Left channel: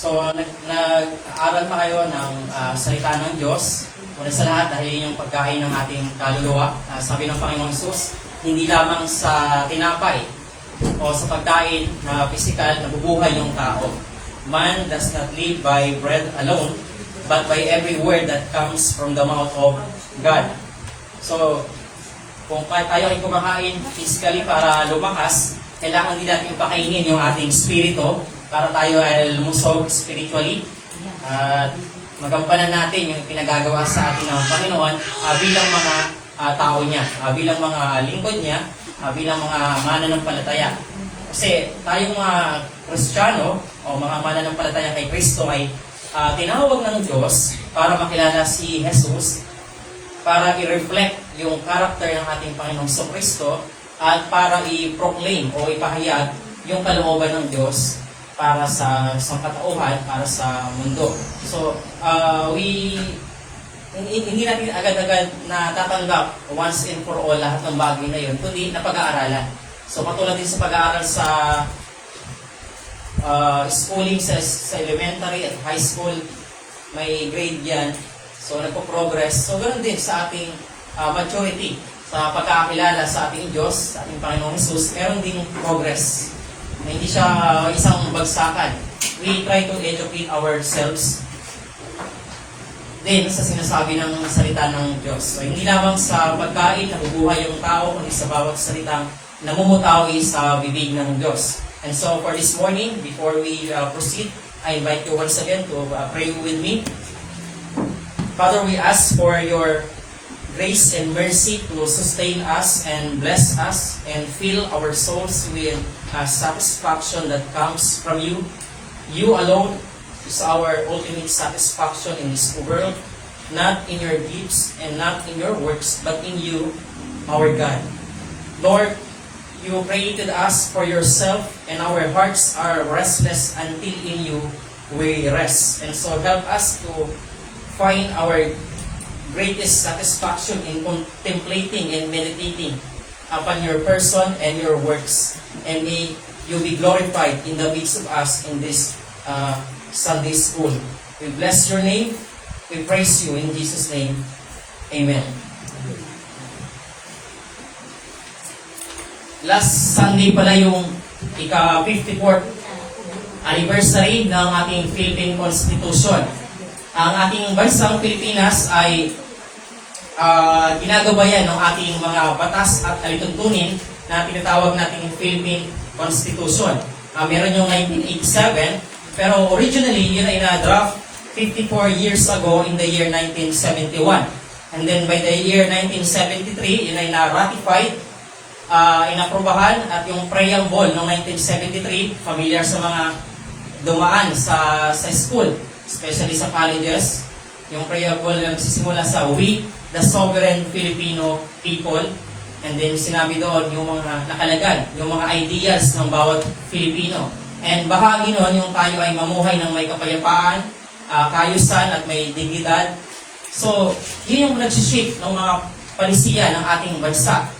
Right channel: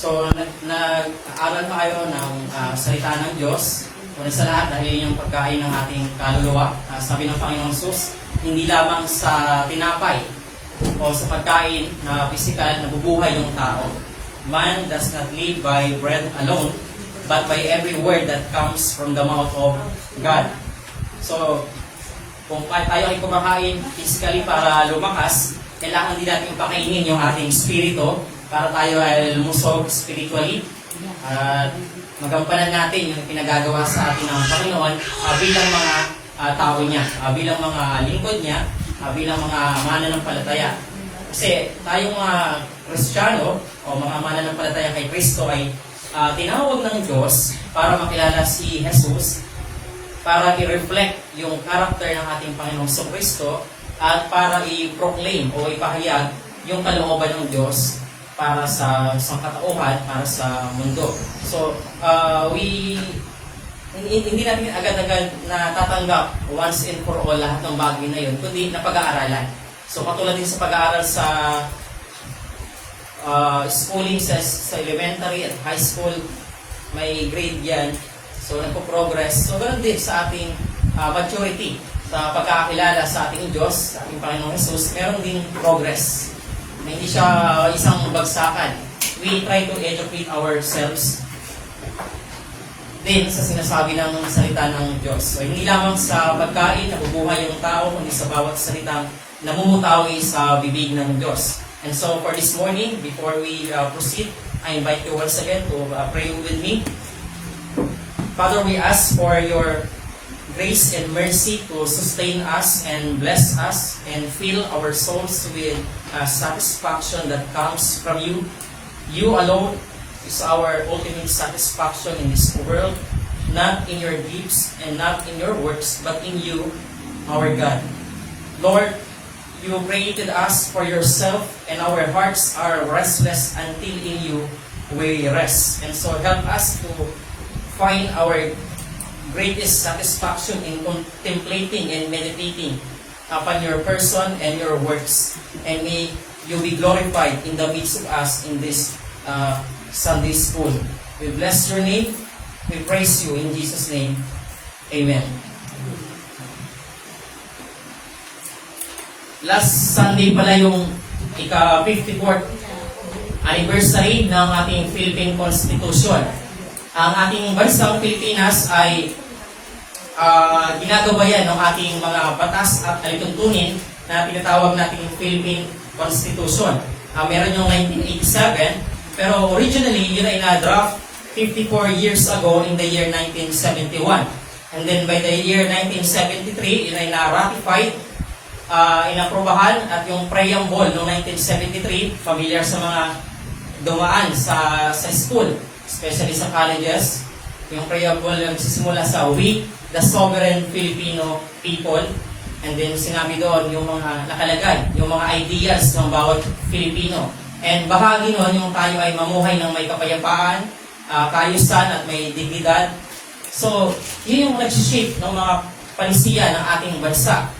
So, nag-aaral pa kayo ng salita ng Diyos. Una sa lahat, dahil yung pagkain ng ating kaluluwa. Sabi ng Panginoong Sus, hindi lamang sa tinapay o sa pagkain na physical, nabubuhay yung tao. Man does not live by bread alone, but by every word that comes from the mouth of God. So, kung tayo ay kumakain physically para lumakas, kailangan din natin pakainin yung ating spirito para tayo ay lumusog spiritually. At magampanan natin yung pinagagawa sa atin ng Panginoon bilang mga tao niya, bilang mga lingkod niya, bilang mga mananampalataya. Kasi tayong mga Kristiyano o mga mananampalataya kay Kristo ay tinawag ng Diyos para makilala si Jesus, para i-reflect yung character ng ating Panginoong Kristo at para i-proclaim o ipahayag yung kalooban ng Diyos para sa sangkatauhan, para sa mundo. So, hindi natin agad-agad natatanggap once and for all lahat ng bagay na yun, kundi napag-aaralan. So, patulad din sa pag-aaral sa schooling sa elementary at high school, may grade yan. So, nagpo-progress. So, ganoon din sa ating maturity, sa pagkakakilala sa ating Diyos, sa ating Panginoong Jesus, meron din progress. Hindi siya isang bagsakan. We try to educate ourselves din sa sinasabi ng salita ng Diyos. So, hindi lamang sa pagkain nabubuhay yung tao, kundi sa bawat salitang namumutawi sa bibig ng Diyos. And so, for this morning, before we proceed, I invite you once again to pray with me. Father, we ask for your grace and mercy to sustain us and bless us and fill our souls with satisfaction that comes from you. You alone is our ultimate satisfaction in this world, not in your deeds and not in your works, but in you, our God. Lord, you created us for yourself, and our hearts are restless until in you we rest. And so help us to find our greatest satisfaction in contemplating and meditating upon your person and your works. And may you be glorified in the midst of us in this Sunday school. We bless your name. We praise you in Jesus' name. Amen. Last Sunday pala yung ika-54th anniversary ng ating Philippine Constitution. Ang ating bansang Pilipinas ay ginagabayan ng ating mga batas at alituntunin na tinatawag natin yung Philippine Constitution. Meron yung 1987, pero originally yun ay na-draft 54 years ago in the year 1971. And then by the year 1973, yun ay na-ratified, inaprubahan, at yung preamble ng 1973, familiar sa mga dumaan sa school, especially sa colleges, yung preamble na nagsisimula sa "We, the sovereign Filipino people", and then sinabi doon yung mga nakalagay, yung mga ideals ng bawat Filipino. And bahagi noon yung tayo ay mamuhay ng may kapayapaan, kaayusan at may dignidad. So, yun yung nagsishape ng mga panisiya ng ating bansa.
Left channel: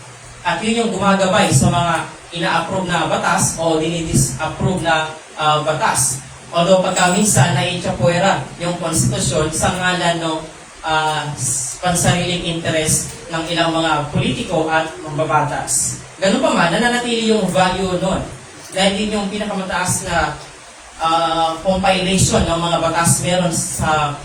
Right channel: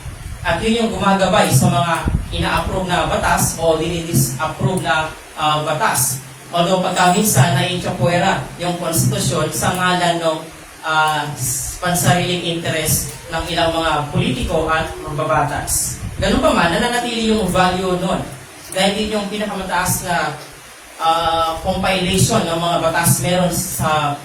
At yun yung gumagabay sa mga ina-approve na batas o dinidis-approve na batas. Although pagkaminsan na itsapuera yung konstitusyon sa ngalan ng pansariling interest ng ilang mga politiko at mambabatas. Ganun pa man, nananatili yung value nun. Dahil din yung pinakamataas na compilation ng mga batas meron sa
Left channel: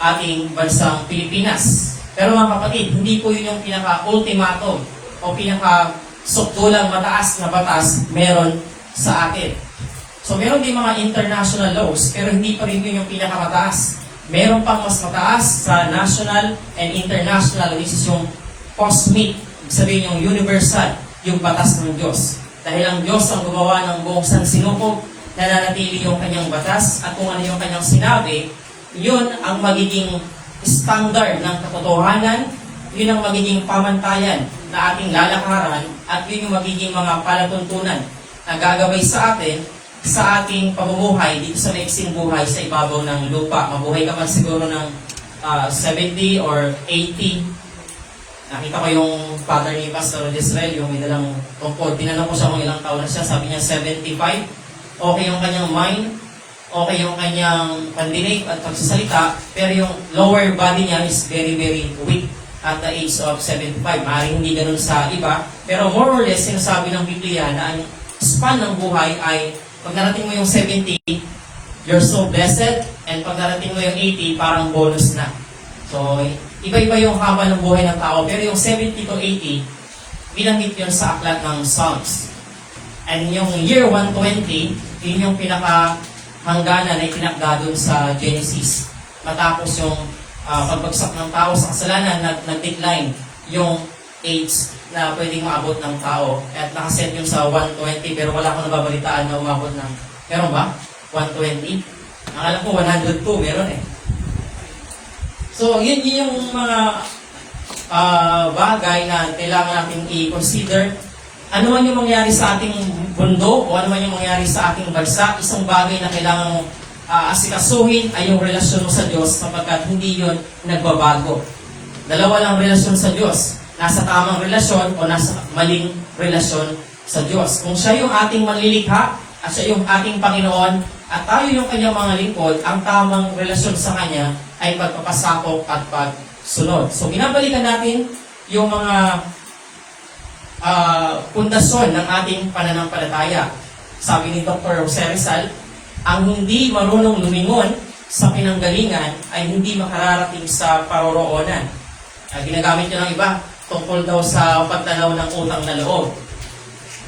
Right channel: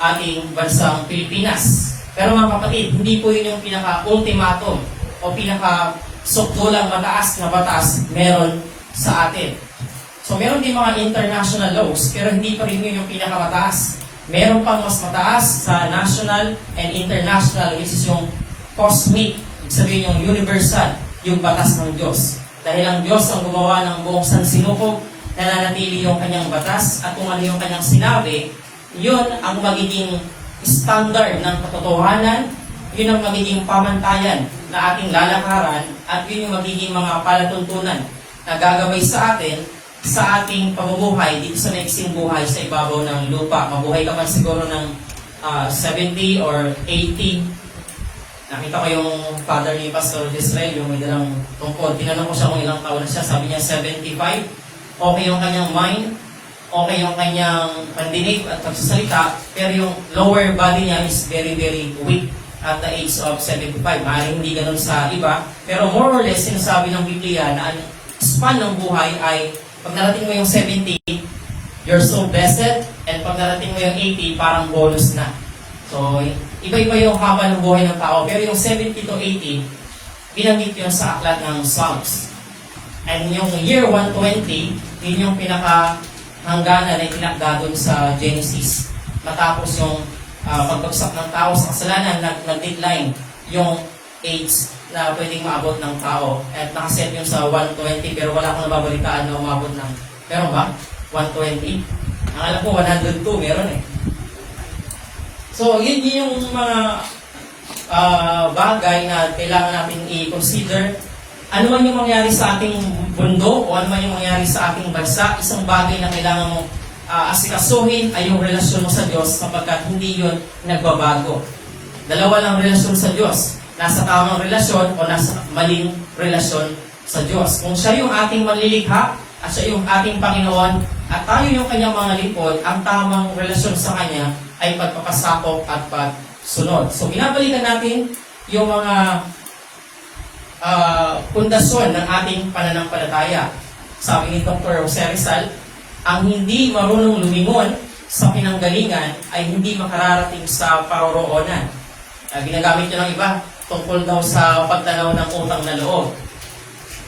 ating bansang Pilipinas. Pero mga kapatid, hindi po yun yung pinaka-ultimatum o pinaka-sukdulang mataas na batas meron sa atin. So meron din mga international laws, pero hindi pa rin yun yung pinakamataas. Meron pang mas mataas sa national and international, which is yung cosmic, ibig sabihin yung universal, yung batas ng Diyos. Dahil ang Diyos ang gumawa ng buong sansinuko, nananatili yung kanyang batas, at kung ano yung kanyang sinabi, yun ang magiging standard ng katotohanan, yun ang magiging pamantayan na ating lalakaran, at yun yung magiging mga palatuntunan na gagabay sa atin sa ating pamumuhay dito sa maiksing buhay sa ibabaw ng lupa. Mabuhay ka man siguro ng 70 or 80. Nakita ko yung father ni Pastor Israel, yung may dalang tungkod. Tinanong ko siya kung ilang taon na siya. Sabi niya 75. Okay yung kanyang mind. okay yung kanyang pandinig at pagsasalita, pero yung lower body niya is very, very weak at the age of 75. Maaaring hindi ganun sa iba, pero more or less, sinasabi ng Biblia na ang span ng buhay ay pag narating mo yung 70, you're so blessed, and pag narating mo yung 80, parang bonus na. So, iba-iba yung haba ng buhay ng tao, pero yung 70 to 80, binanggit yun sa aklat ng Psalms. And yung year 120, yun yung pinaka-hangganan na itinakda dun sa Genesis. Matapos yung pagbagsak ng tao sa kasalanan, nag-decline yung age na pwedeng maabot ng tao. At nakaset yun sa 120, pero wala kang nababalitaan na umabot ng, meron ba? 120? Ang alam ko, 102, meron eh. So, yun yung mga bagay na kailangan natin i-consider. Ano man yung mangyari sa ating mundo o ano man yung mangyari sa ating bansa, isang bagay na kailangan mong asikasuhin ay yung relasyon mo sa Diyos sapagkat hindi yun nagbabago. Dalawa lang relasyon sa Diyos. Nasa tamang relasyon o nasa maling relasyon sa Diyos. Kung siya yung ating manlilikha at siya yung ating Panginoon at tayo yung kanyang mga lingkod, ang tamang relasyon sa Kanya ay pagpapasakop at pagsunod. So, binabalikan natin yung mga pundasyon ng ating pananampalataya. Sabi ni Dr. Jose Rizal, ang hindi marunong lumingon sa pinanggalingan ay hindi makararating sa paroroonan. Ginagamit nyo ng iba tungkol daw sa pagtanaw ng utang na loob.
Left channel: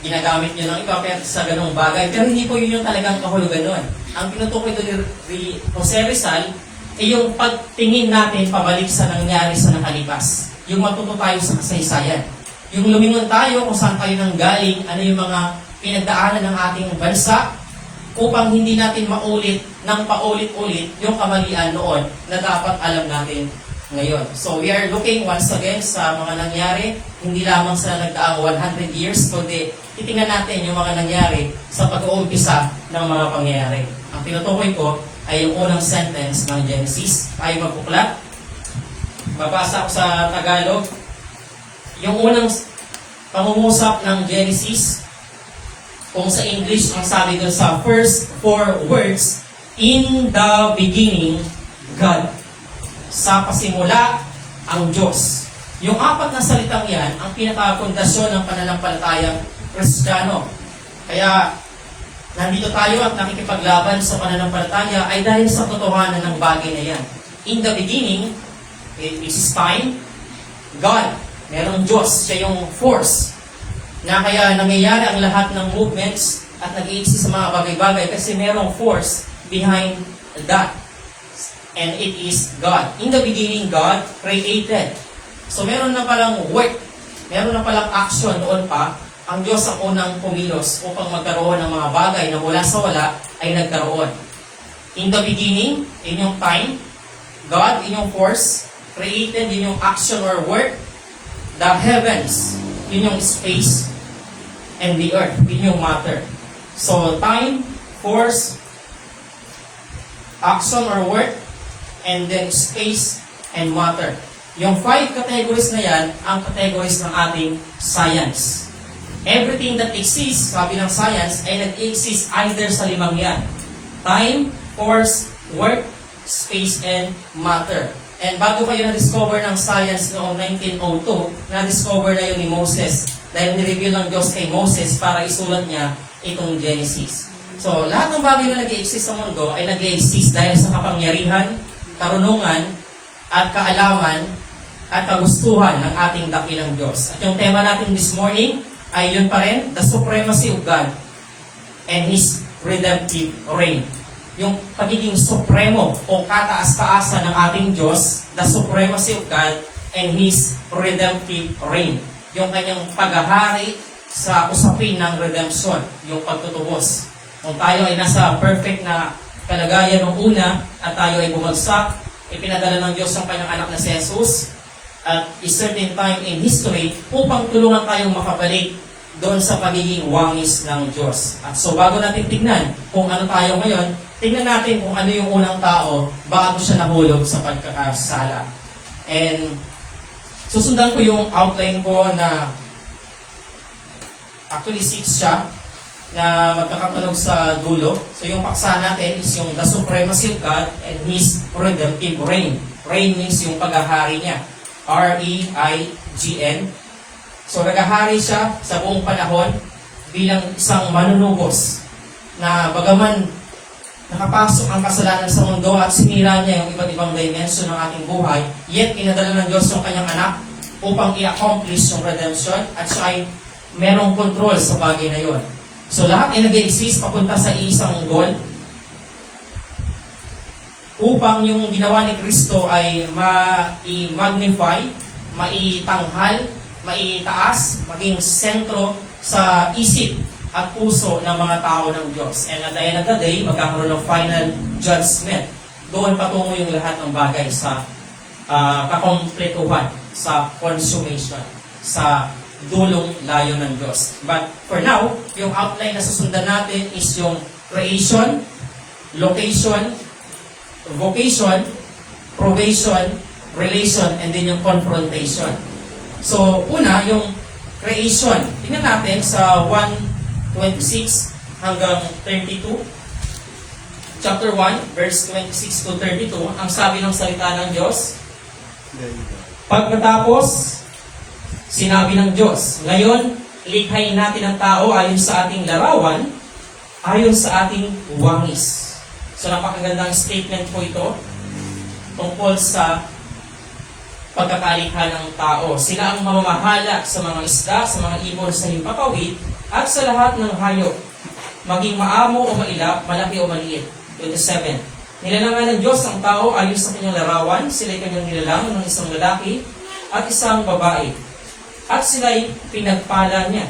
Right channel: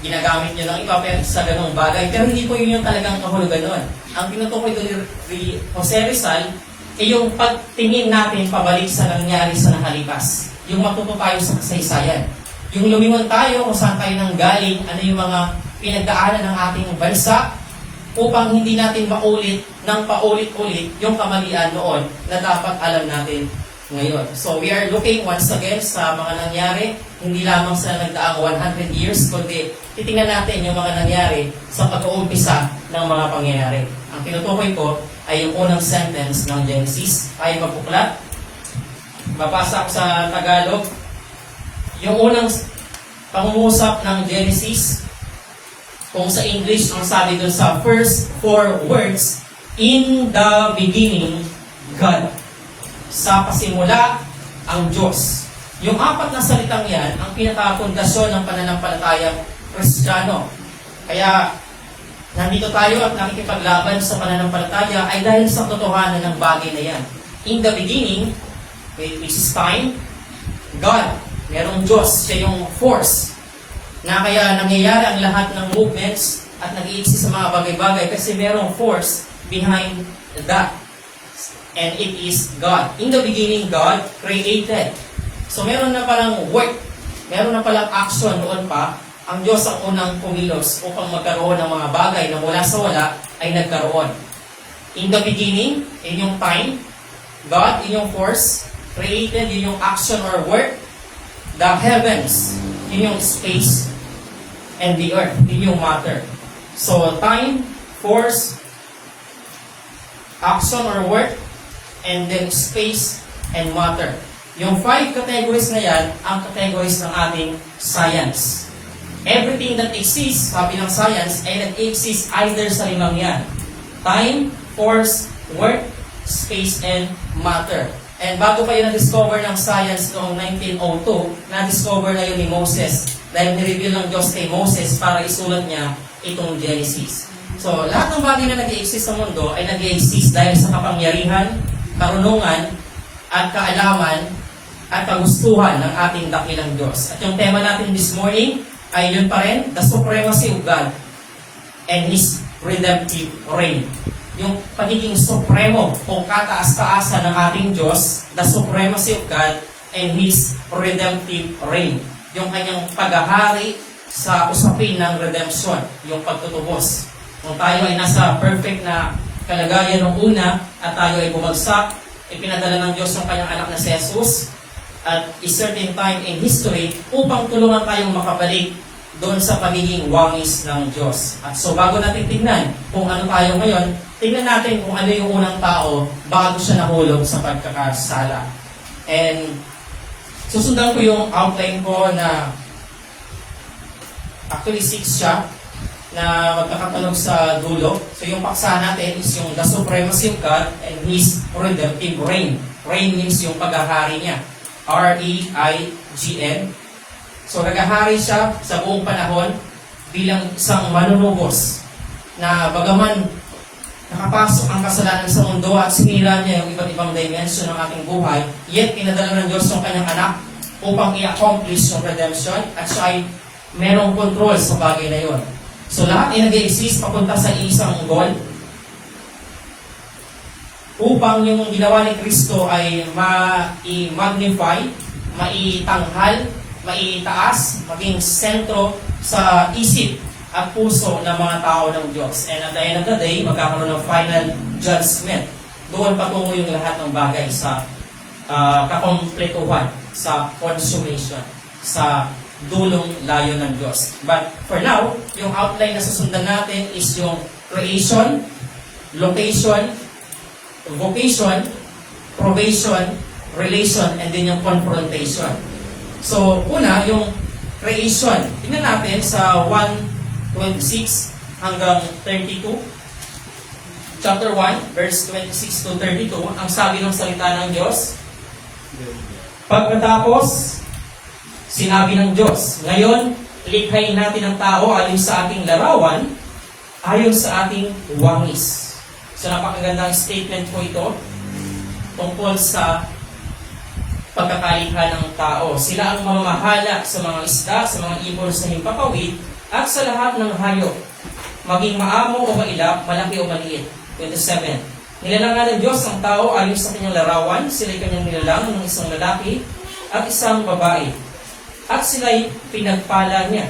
Ginagamit nyo ng iba pero sa ganung bagay. Pero hindi po yun yung talagang kahulugan nun. Ang tinutukoy doon ni Jose Rizal ay yung pagtingin natin pabalik sa nangyari sa nakalipas. Yung matuto tayo sa kasaysayan. Yung lumingon tayo kung saan tayo nang galing, ano yung mga pinagdaanan ng ating bansa upang hindi natin maulit ng paulit-ulit yung kamalian noon na dapat alam natin ngayon. So we are looking once again sa mga nangyari, hindi lamang sa nagdaang 100 years, kundi titingnan natin yung mga nangyari sa pag-uumpisa ng mga pangyayari. Ang tinutukoy ko ay yung unang sentence ng Genesis. Tayo magbuklat. Babasa ko sa Tagalog. Yung unang pangungusap ng Genesis, kung sa English, ang sabi doon sa first 4 words, in the beginning, God. Sa pasimula, ang Diyos. Yung 4 na salitang yan, ang pinakapundasyon ng pananampalatayang Kristiyano. Kaya, nandito tayo at nakikipaglaban sa pananampalataya ay dahil sa totohanan ng bagay na yan. In the beginning, which is time, God. Merong Diyos, siya yung force na kaya nangyayari ang lahat ng movements at nag-i-exist sa mga bagay-bagay kasi merong force behind that. And it is God. In the beginning, God created. So meron na palang work, meron na palang action noon pa. Ang Diyos ang unang kumilos upang magkaroon ng mga bagay na mula sa wala ay nagkaroon. In the beginning, in yung time, God, in yung force, created, in yung action or work, the heavens, in yung space, and the earth, in yung matter. So, time, force, action or work, and then space and matter. Yung 5 categories na yan, ang categories ng ating science. Everything that exists, sabi ng science, ay nag-exist either sa 5 yan. Time, force, work, space, and matter. And bago kayo na-discover ng science noong 1902, na-discover na yun ni Moses. Dahil nireveal ng Diyos kay Moses para isulat niya itong Genesis. So, lahat ng bagay na nag-i-exist sa mundo ay nag-i-exist dahil sa kapangyarihan, karunungan, at kaalaman, at kagustuhan ng ating dakilang Diyos. At yung tema natin this morning ay yun pa rin, the supremacy of God and His redemptive reign. Yung pagiging supremo o kataas-taasan ng ating Diyos, the supremacy of God and His redemptive reign. Yung kanyang paghahari sa usapin ng redemption, yung pagtutubos. Kung tayo ay nasa perfect na kalagayan ng una at tayo ay bumagsak, ipinadala ng Diyos ang kanyang anak na si Jesus at a certain time in history upang tulungan tayong makabalik doon sa pagiging wangis ng Diyos. At so bago natin tingnan kung ano tayo ngayon, tingnan natin kung ano yung unang tao bago siya nahulog sa pagkakasala. And susundan ko yung outline ko na actually 6 siya. na magkakatunog sa dulo. So yung paksa natin is yung the supremacy of God and His redemptive reign. Reign means yung paghahari niya. R-E-I-G-N. So naghahari siya sa buong panahon bilang isang manunubos na bagaman nakapasok ang kasalanan sa mundo at sinira niya yung iba't ibang dimension ng ating buhay, yet pinadala ng Diyos ng kanyang anak upang i-accomplish yung redemption at siya ay merong control sa bagay na yon. So lahat ay nag-i-exist papunta sa isang goal upang yung ginawa ni Kristo ay ma-magnify, maitanghal, maitaas, maging sentro sa isip at puso ng mga tao ng Diyos. And at the end of the day, magkakaroon ng final judgment. Doon patungo yung lahat ng bagay sa kakompletuhan, sa consummation, sa dulong layo ng Diyos. But for now, yung outline na susundan natin is yung creation, location, vocation, probation, relation, and then yung confrontation. So, una, yung creation. Tingnan natin sa 1:26 hanggang 32. Chapter 1, verse 26 to 32, ang sabi ng salita ng Diyos. Pagkatapos, sinabi ng Diyos, ngayon, likhain natin ang tao ayon sa ating larawan, ayon sa ating wangis. So, napakagandang statement po ito tungkol sa pagkakalikha ng tao. Sila ang mamamahala sa mga isda, sa mga ibon sa himpapawid, at sa lahat ng hayop, maging maamo o mailap, malaki o maliit. 27. Nilalangan ng Diyos ang tao ayon sa kanyang larawan, sila'y kanyang nilalang ng isang lalaki at isang babae. At sila'y pinagpala niya.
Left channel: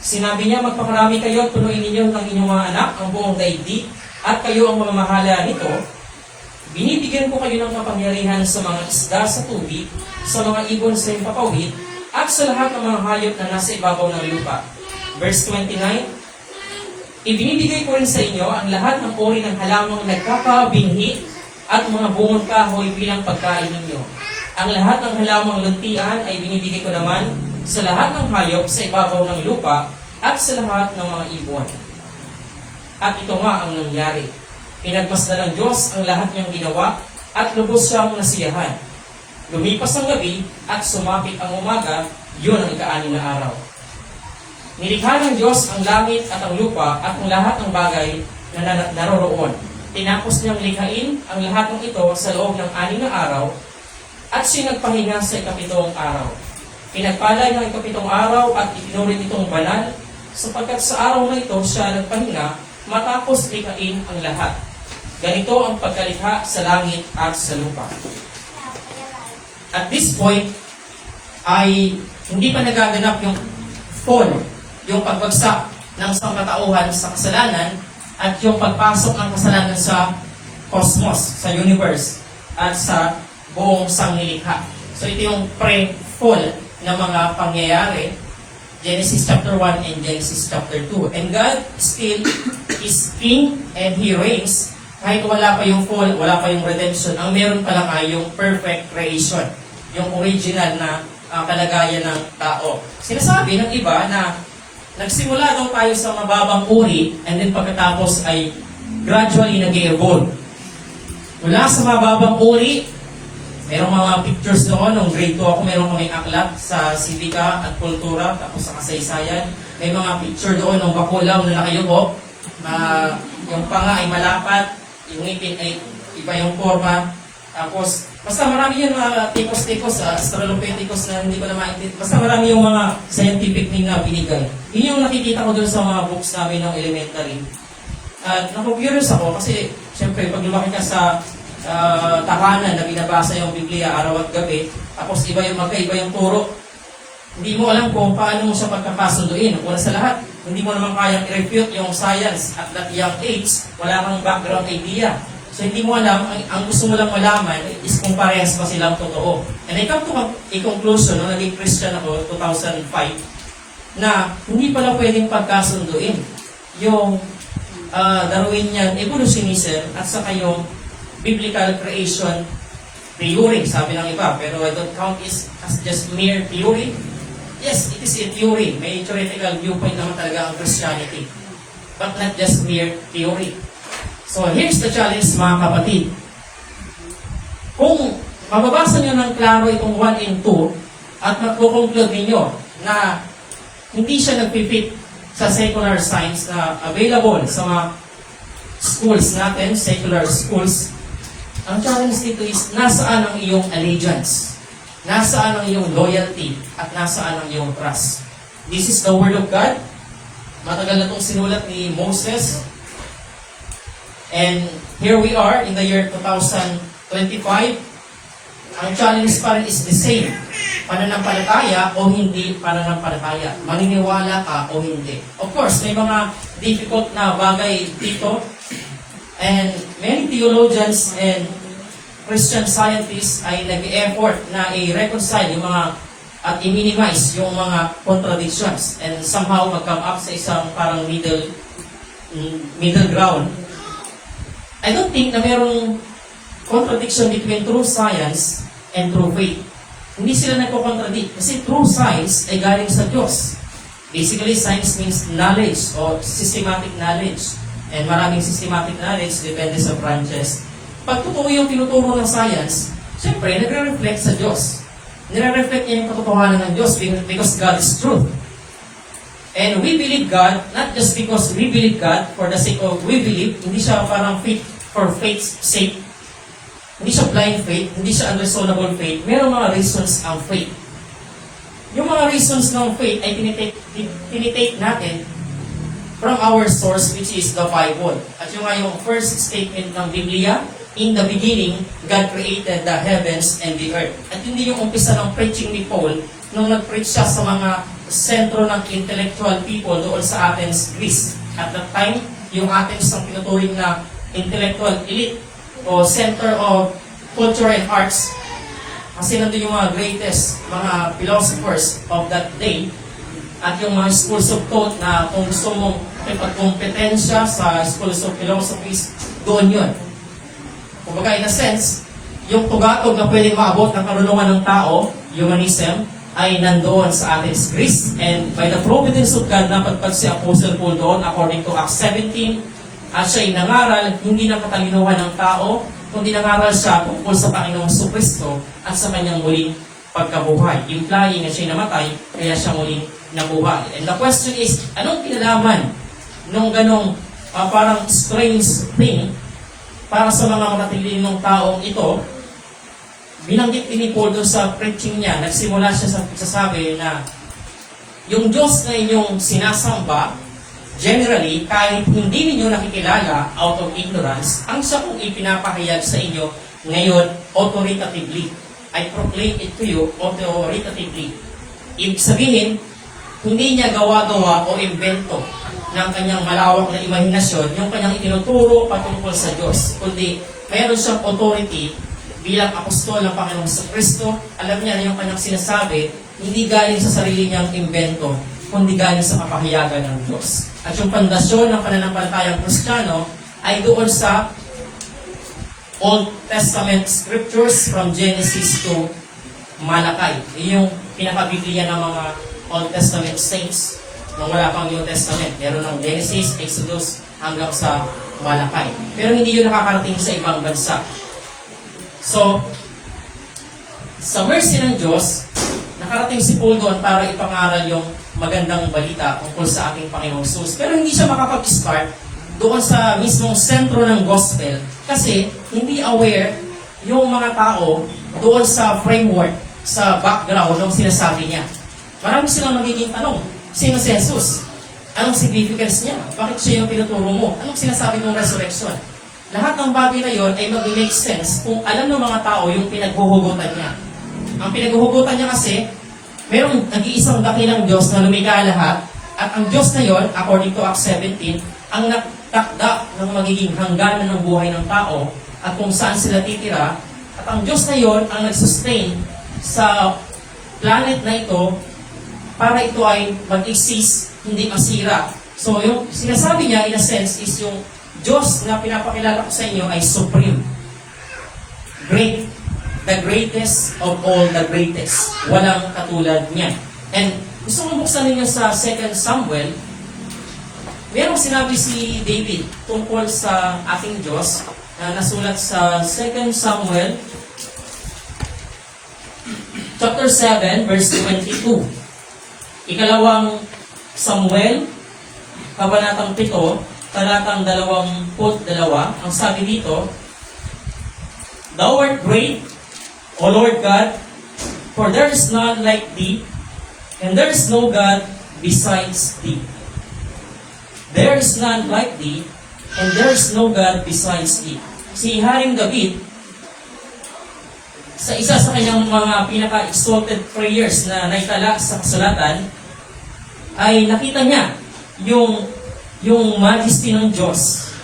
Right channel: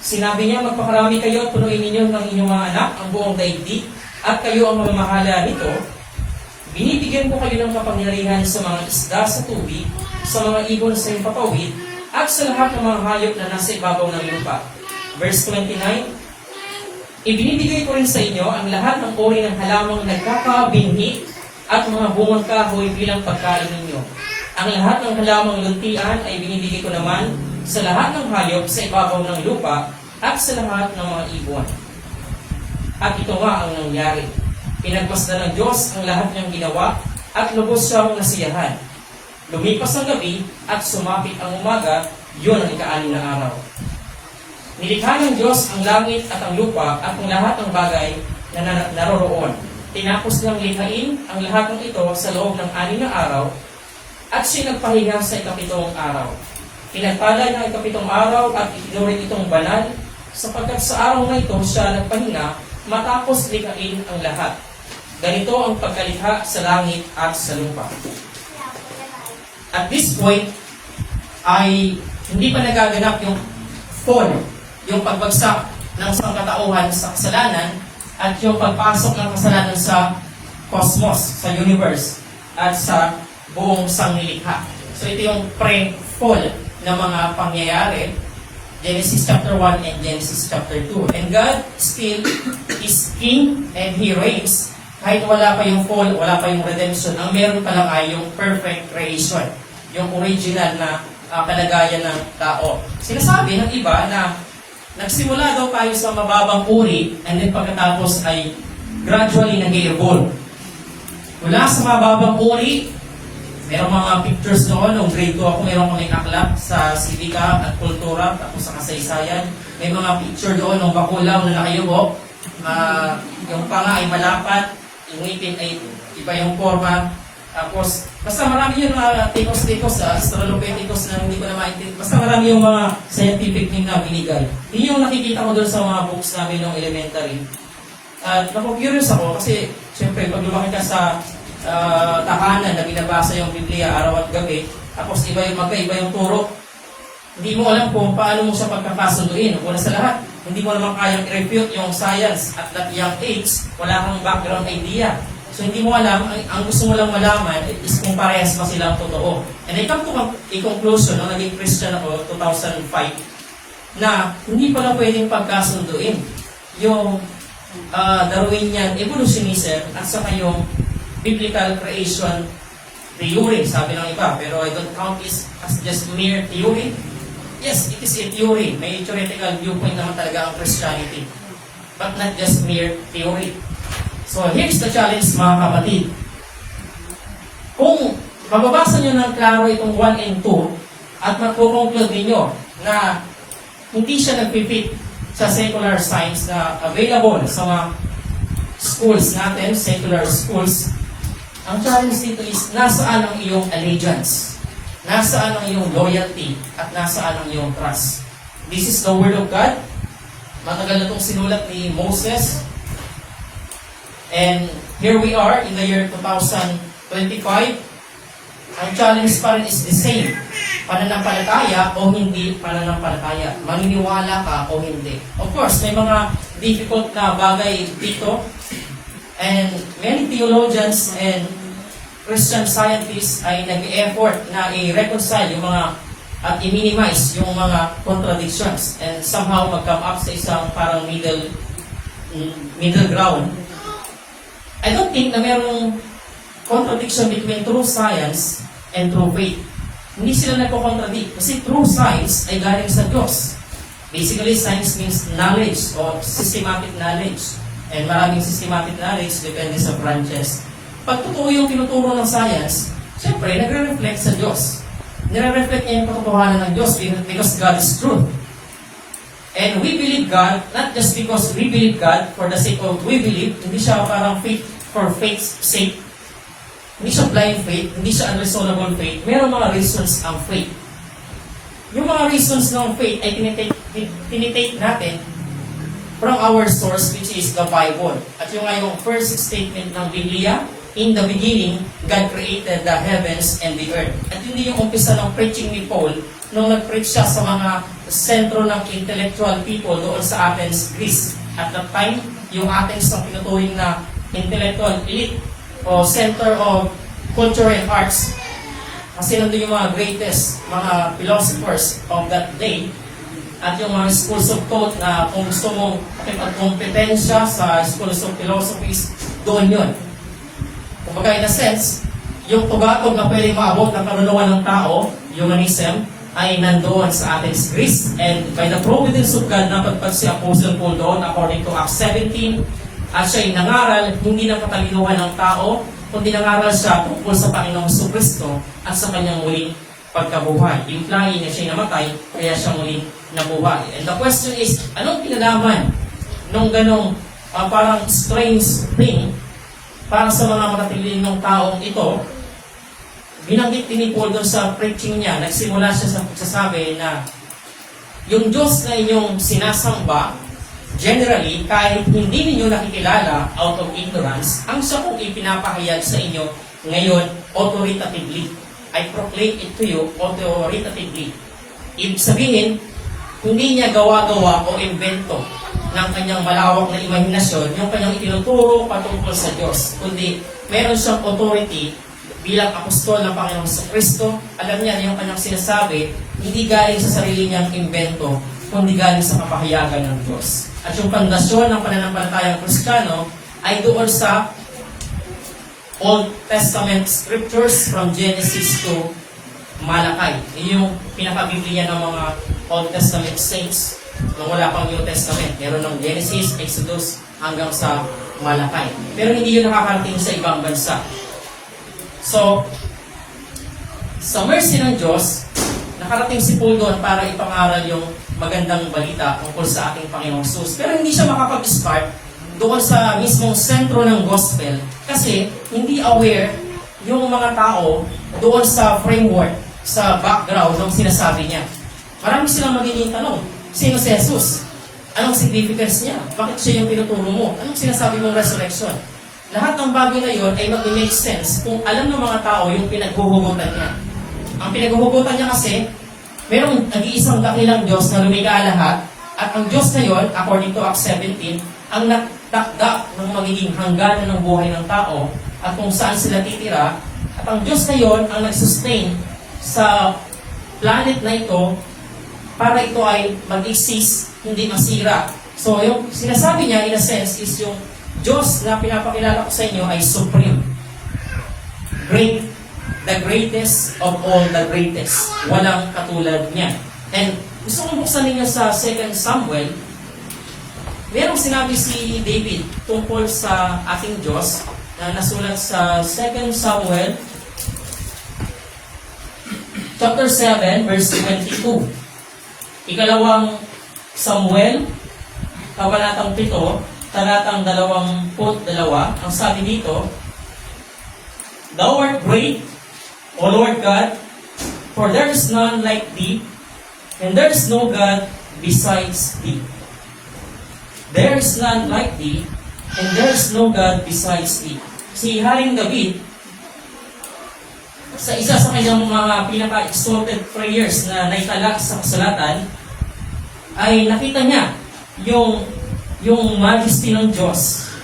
Sinabi niya, magpakarami kayo at punuin ninyo ng inyong mga anak ang buong daigdig, at kayo ang mamamahala nito. Binibigyan ko kayo ng kapangyarihan sa mga isda sa tubig, sa mga ibon sa himpapawid, at sa lahat ng mga hayop na nasa ibabaw ng lupa. Verse 29, ibinibigay ko rin sa inyo ang lahat ng uri ng halamang nagkakabinhi at mga bungon kahoy bilang pagkain ninyo. Ang lahat ng halamang luntian ay binibigay ko naman sa lahat ng hayop sa ibabaw ng lupa at sa lahat ng mga ibon. At ito nga ang nangyari. Pinagmasdan ng Diyos ang lahat niyang ginawa at lubos siyang nasiyahan. Lumipas ang gabi at sumapit ang umaga, yun ang ika-6 na araw. Nilikha ng Diyos ang langit at ang lupa at ang lahat ng bagay na naroroon. Tinapos niyang likhain ang lahat ng ito sa loob ng 6 na araw at siya nagpahinga sa ika-7 araw. Pinagpalay ng ika-7 araw at itinuring itong banal sapagkat sa araw na ito siya nagpahinga matapos likhain ang lahat. Ganito ang pagkalikha sa langit at sa lupa. At this point, ay hindi pa nagaganap yung fall, yung pagbagsak ng sangkatauhan sa kasalanan at yung pagpasok ng kasalanan sa cosmos, sa universe, at sa buong sanglilikha. So ito yung pre-fall na mga pangyayari, Genesis chapter 1 and Genesis chapter 2. And God still is king and He reigns. Kahit wala pa yung fall, wala pa yung redemption, ang meron pa lang ay yung perfect creation, yung original na kalagayan ng tao. Sinasabi ng iba na nagsimula daw tayo sa mababang uri and then pagkatapos ay gradually nag-evolve. Mula sa mababang uri, merong mga pictures doon, nung grade 2 ako, meron kaming aklat sa sivika at kultura, tapos sa kasaysayan. May mga picture doon ng bakulang na nakayuko, yung panga ay malapat, yung ngipin ay iba yung forma, tapos basta marami yung mga tipos-tipos, australopithecus na hindi ko na maintindihan. Basta marami yung mga scientific thing na binigay. Yun yung nakikita ko doon sa mga books namin ng elementary. At naku-curious ako kasi syempre pag lumaki ka sa tahanan na binabasa yung Biblia araw at gabi, tapos iba yung magkaiba yung turo, hindi mo alam kung paano mo siya pagkakasunduin. Una sa lahat, hindi mo naman kayang i-refute yung science at that young age, wala kang background idea. So hindi mo alam, ang gusto mo lang malaman is kung parehas ba silang totoo. And I come to a conclusion, nung naging Christian ako, 2005, na hindi pala pwedeng pagkasunduin yung Darwinian evolutionism at saka yung biblical creation theory, sabi ng iba. Pero I don't count it as just mere theory. Yes, it is a theory. May theoretical viewpoint naman talaga ang Christianity. But not just mere theory. So here's the challenge mga kapatid. Kung mababasa nyo ng klaro itong 1 and 2 at magkukonclude ninyo na hindi siya nagpipit sa secular science na available sa mga schools natin, secular schools, ang challenge dito is nasaan ang iyong allegiance, nasaan ang iyong loyalty, at nasaan ang iyong trust. This is the Word of God. Matagal na itong sinulat ni Moses. And here we are in the year 2025. Ang challenge pa rin is the same. Pananampalataya o hindi pananampalataya. Maniniwala ka o hindi. Of course, may mga difficult na bagay dito. And many theologians and Christian scientists ay nag-effort na i-reconcile yung mga at i-minimize yung mga contradictions and somehow mag-come up sa isang parang middle ground. I don't think na merong contradiction between true science and true faith. Hindi sila nagko-contradict kasi true science ay galing sa Diyos. Basically, science means knowledge or systematic knowledge. And maraming systematic knowledge depende sa branches. Pag totoo yung tinuturo ng science, siyempre, nagre-reflect sa Diyos. Nire-reflect niya yung katotohanan ng Diyos because God is truth. And we believe God, not just because we believe God for the sake of we believe, hindi siya parang faith for faith's sake. Hindi siya blind faith, hindi siya unreasonable faith. Merong mga reasons ang faith. Yung mga reasons ng faith ay tinitake natin from our source, which is the Bible. At yung first statement ng Biblia, in the beginning, God created the heavens and the earth. At yun din yung umpisa ng preaching ni Paul nung nag-preach siya sa mga sentro ng intellectual people doon sa Athens, Greece. At that time, yung Athens ang tinuturing na intellectual elite o center of culture and arts. Kasi nandun yung mga greatest, mga philosophers of that day. At yung mga schools of thought na kung gusto mong makipagkompetensya sa schools of philosophies, doon yun. Kumbaga in a sense, yung tugatog na pwedeng maabot ng karunungan ng tao, humanism, ay nandoon sa Athens, Greece. And by the providence of God, napagpag si Apostle Paul doon according to Acts 17, at siya'y nangaral, hindi na patalinuhan ng tao, kundi nangaral siya tungkol sa Panginoong Kristo at sa kanyang muling pagkabuhay. Implying na siya'y namatay, kaya siya muling nabuhay. And the question is, anong pinalaman ng ganong parang strange thing para sa mga matatilinong taong ito? Binanggit ni Paul doon sa preaching niya, nagsimula siya sa sabi na yung Diyos na inyong sinasamba, generally, kahit hindi ninyo nakikilala out of ignorance, ang siya kong ipinapahayag sa inyo ngayon authoritatively. I proclaim it to you authoritatively. Ibig sabihin, hindi niya gawa-gawa o invento ng kanyang malawak na imahinasyon yung kanyang itinuturo patungkol sa Diyos. Kundi meron siyang authority bilang apostol ng Panginoong Kristo. Alam niya na yung kanyang sinasabi, hindi galing sa sarili niyang invento, kundi galing sa kapahayagan ng Diyos. At yung pundasyon ng pananampalatayang Kristiyano ay doon sa Old Testament scriptures from Genesis to Malakay. Yung pinaka-Biblia ng mga Old Testament saints nung wala pang New Testament. Meron ng Genesis, Exodus, hanggang sa Malakay. Pero hindi yun nakakarating sa ibang bansa. So, sa mercy ng Diyos, nakarating si Paul doon para ipangaral yung magandang balita tungkol sa ating Panginoong Jesus. Pero hindi siya makapag-start doon sa mismong sentro ng gospel kasi hindi aware yung mga tao doon sa framework, sa background ng sinasabi niya. Marami silang magiging tanong, sino si Jesus? Anong significance niya? Bakit siya yung tinuturo mo? Anong sinasabi mong resurrection? Lahat ng bagay na yon ay mag-make sense kung alam ng mga tao yung pinaghuhugutan niya. Ang pinaghuhugutan niya kasi, mayroong nag-iisang dakilang Diyos na lumikha lahat, at ang Diyos na yon, according to Acts 17, ang nagtakda ng magiging hangganan ng buhay ng tao at kung saan sila titira, at ang Diyos na yon ang nag-sustain sa planet na ito para ito ay mag-exist, hindi masira. So yung sinasabi niya in a sense is yung Diyos na pinapakilala ko sa inyo ay supreme. Great. The greatest of all the greatest. Walang katulad niya. And Gusto kong buksan ninyo sa 2 Samuel. Merong sinabi si David tungkol sa ating Diyos na nasulat sa 2 Samuel chapter 7, verse 22. Ikalawang Samuel, kabanatang 7, talatang 22. Ang sabi dito, Thou art great, O Lord God, for there is none like thee, and there is no God besides thee. There is none like thee, and there is no God besides thee. Si Haring David, sa isa sa kanyang mga pinaka-exalted prayers na naitala sa kasulatan, ay nakita niya yung majesty ng Diyos,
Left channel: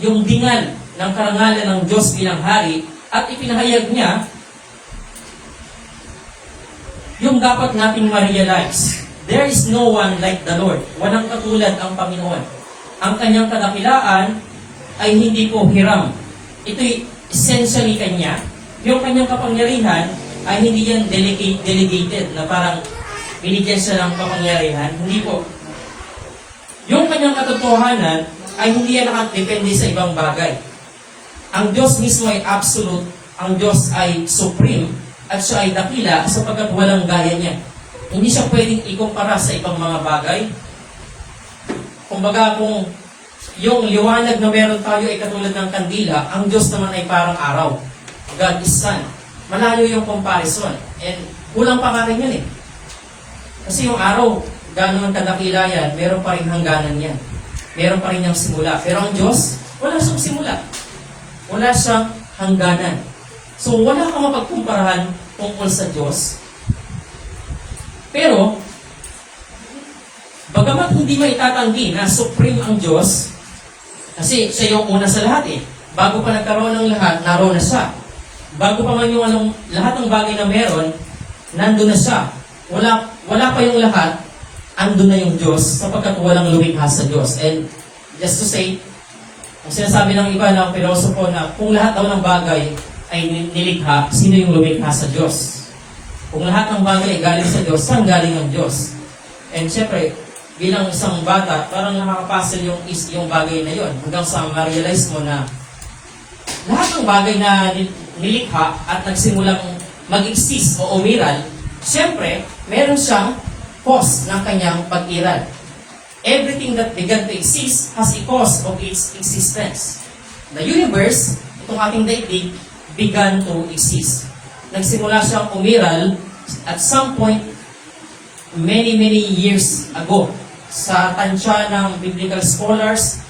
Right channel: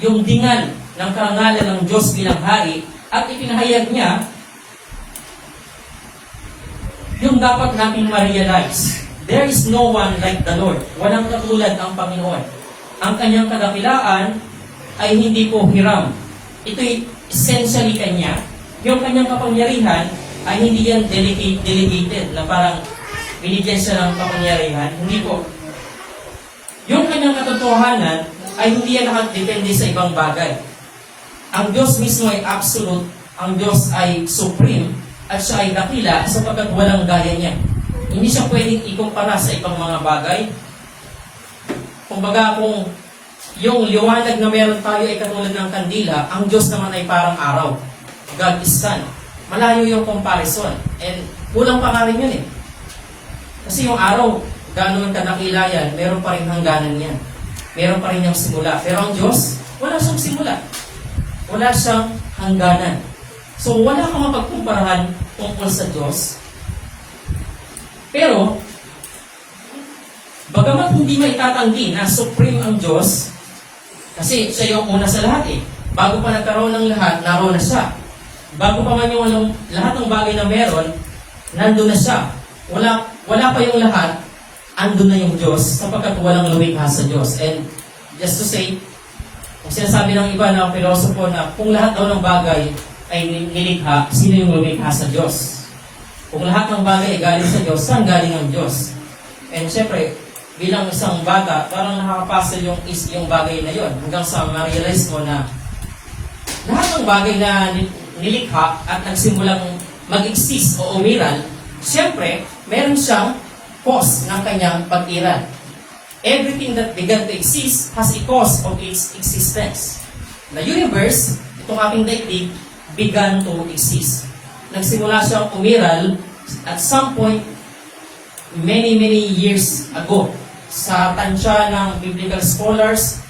yung dingan ng karangalan ng Diyos bilang hari, at ipinahayag niya yung dapat nating ma-realize. There is no one like the Lord. Walang katulad ang Panginoon. Ang kanyang kadakilaan ay hindi po hiram. Ito'y essentially kanya. Yung kanyang kapangyarihan ay hindi yan delegated na parang binigyan siya ng kapangyarihan. Hindi po. Yung kanyang katotohanan ay hindi yan nakadepende sa ibang bagay. Ang Diyos mismo ay absolute. Ang Diyos ay supreme. At siya ay dakila sapagkat walang gaya niya. Hindi siya pwedeng ikumpara sa ibang mga bagay. Kumbaga kung yung liwanag na meron tayo ay katulad ng kandila, ang Diyos naman ay parang araw. God is sun. Malayo yung comparison. And kulang pa nga rin yun eh. Kasi yung araw, gano'n kadakila yan, meron pa rin hangganan yan. Meron pa rin yung simula. Pero ang Diyos, wala siyang simula. Wala siyang hangganan. So wala kang mapagkumparahan tungkol sa Diyos. Pero, bagamat hindi maitatanggi na supreme ang Diyos, kasi siya yung una sa lahat eh. Bago pa nagkaroon ng lahat, naroon na siya. Bago pa man yung lahat ng bagay na meron, nandun na siya. Wala pa yung lahat, andun na yung Diyos, sapagkat walang lumikha sa Diyos. And just to say, kung sinasabi ng iba ng pilosopo na kung lahat daw ng bagay ay nilikha, sino yung lumikha sa Diyos? Kung lahat ng bagay ay galing sa Diyos, saan galing ang Diyos? And syempre, bilang isang bata, parang nakakapasel yung bagay na yon hanggang sa ma-realize mo na lahat ng bagay na nilikha at nagsimulang mag-exist o umiral, syempre, meron siyang cause ng kanyang pag-iral. Everything that began to exist has a cause of its existence. The universe, itong ating daigdig, began to exist. Nagsimula siyang umiral at some point, many years ago. Sa tansya ng biblical scholars,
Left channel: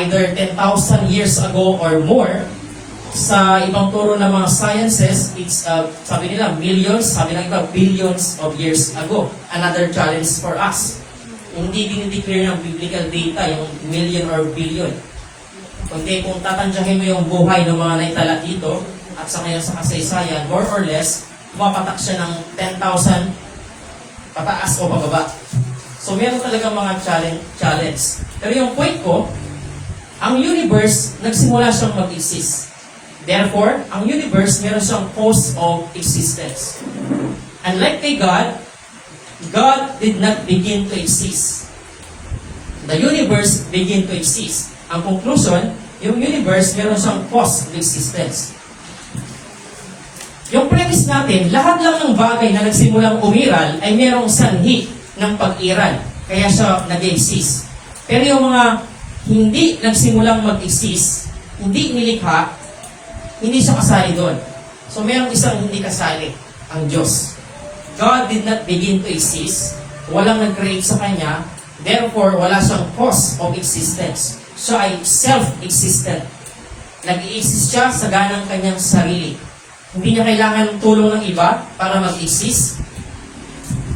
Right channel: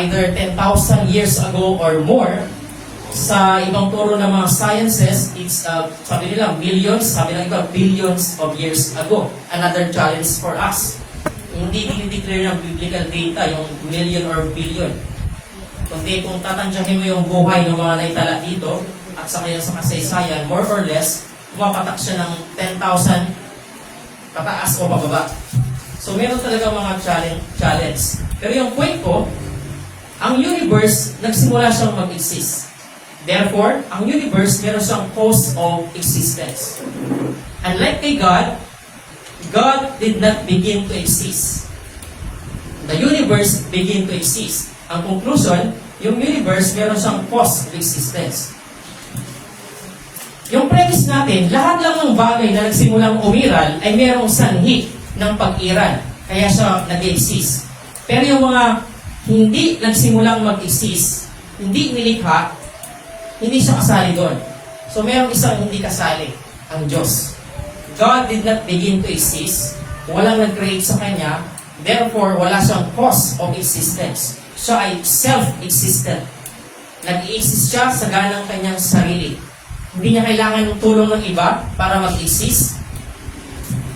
either 10,000 years ago or more. Sa ibang turo ng mga sciences, it's, sabi nila, millions, sabi nila, billions of years ago. Another challenge for us. Hindi dinideclare ng biblical data yung million or billion. Kundi kung tatansyahin mo yung buhay ng mga naitala dito, at sa ngayon sa kasaysayan, more or less, pumapatak siya ng 10,000 pataas o pababa. So, meron talaga mga challenge. Pero yung point ko, ang universe, nagsimula siyang mag-exist. Therefore, ang universe, meron siyang cause of existence. Unlike kay God, God did not begin to exist. The universe began to exist. Ang conclusion, yung universe, meron siyang cause of existence. Yung premise natin, lahat lang ng bagay na nagsimulang umiral ay mayroong sanhi ng pag-iral. Kaya siya nag-exist. Pero yung mga hindi nagsimulang mag-exist, hindi nilikha, hindi siya kasali doon. So mayroong isang hindi kasali, ang Diyos. God did not begin to exist. Walang nag-create sa Kanya. Therefore, wala siyang cause of existence. Siya ay self-existent. Nag-i-exist siya sa ganang kanyang sarili. Hindi niya kailangan ng tulong ng iba para mag-exist.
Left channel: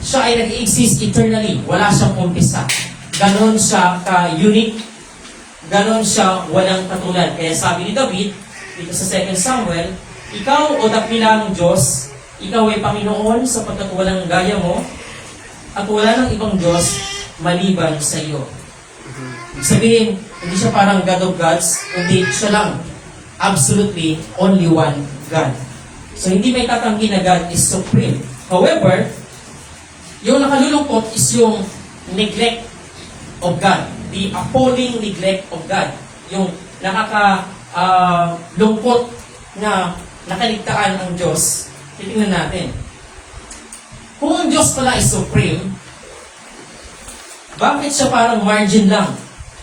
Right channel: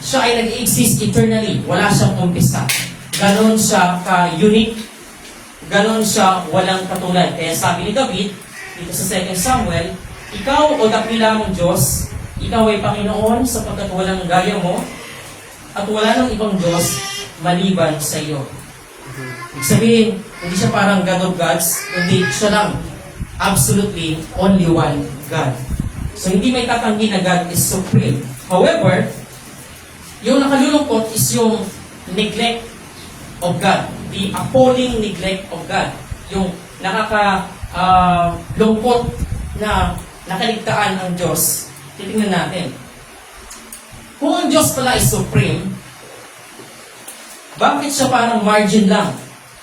Siya ay nag-exist eternally. Wala siyang umpisa. Ganon siya ka-unique. Ganon siya walang katulad. Kaya sabi ni David, dito sa 2 Samuel, ikaw o dakilang Diyos, ikaw ay Panginoon sapagkat walang gaya mo, at wala ng ibang Diyos maliban sa iyo. Ibig sabihin, hindi siya parang God of gods, hindi siya lang. Absolutely, only one God. So, hindi may tatanggi na God is supreme. However, Yung nakalulungkot is yung neglect of God. The appalling neglect of God. Yung lungkot na nakaligtaan ang Diyos. Titingnan natin. Kung ang Diyos pala ay supreme, bakit siya parang margin lang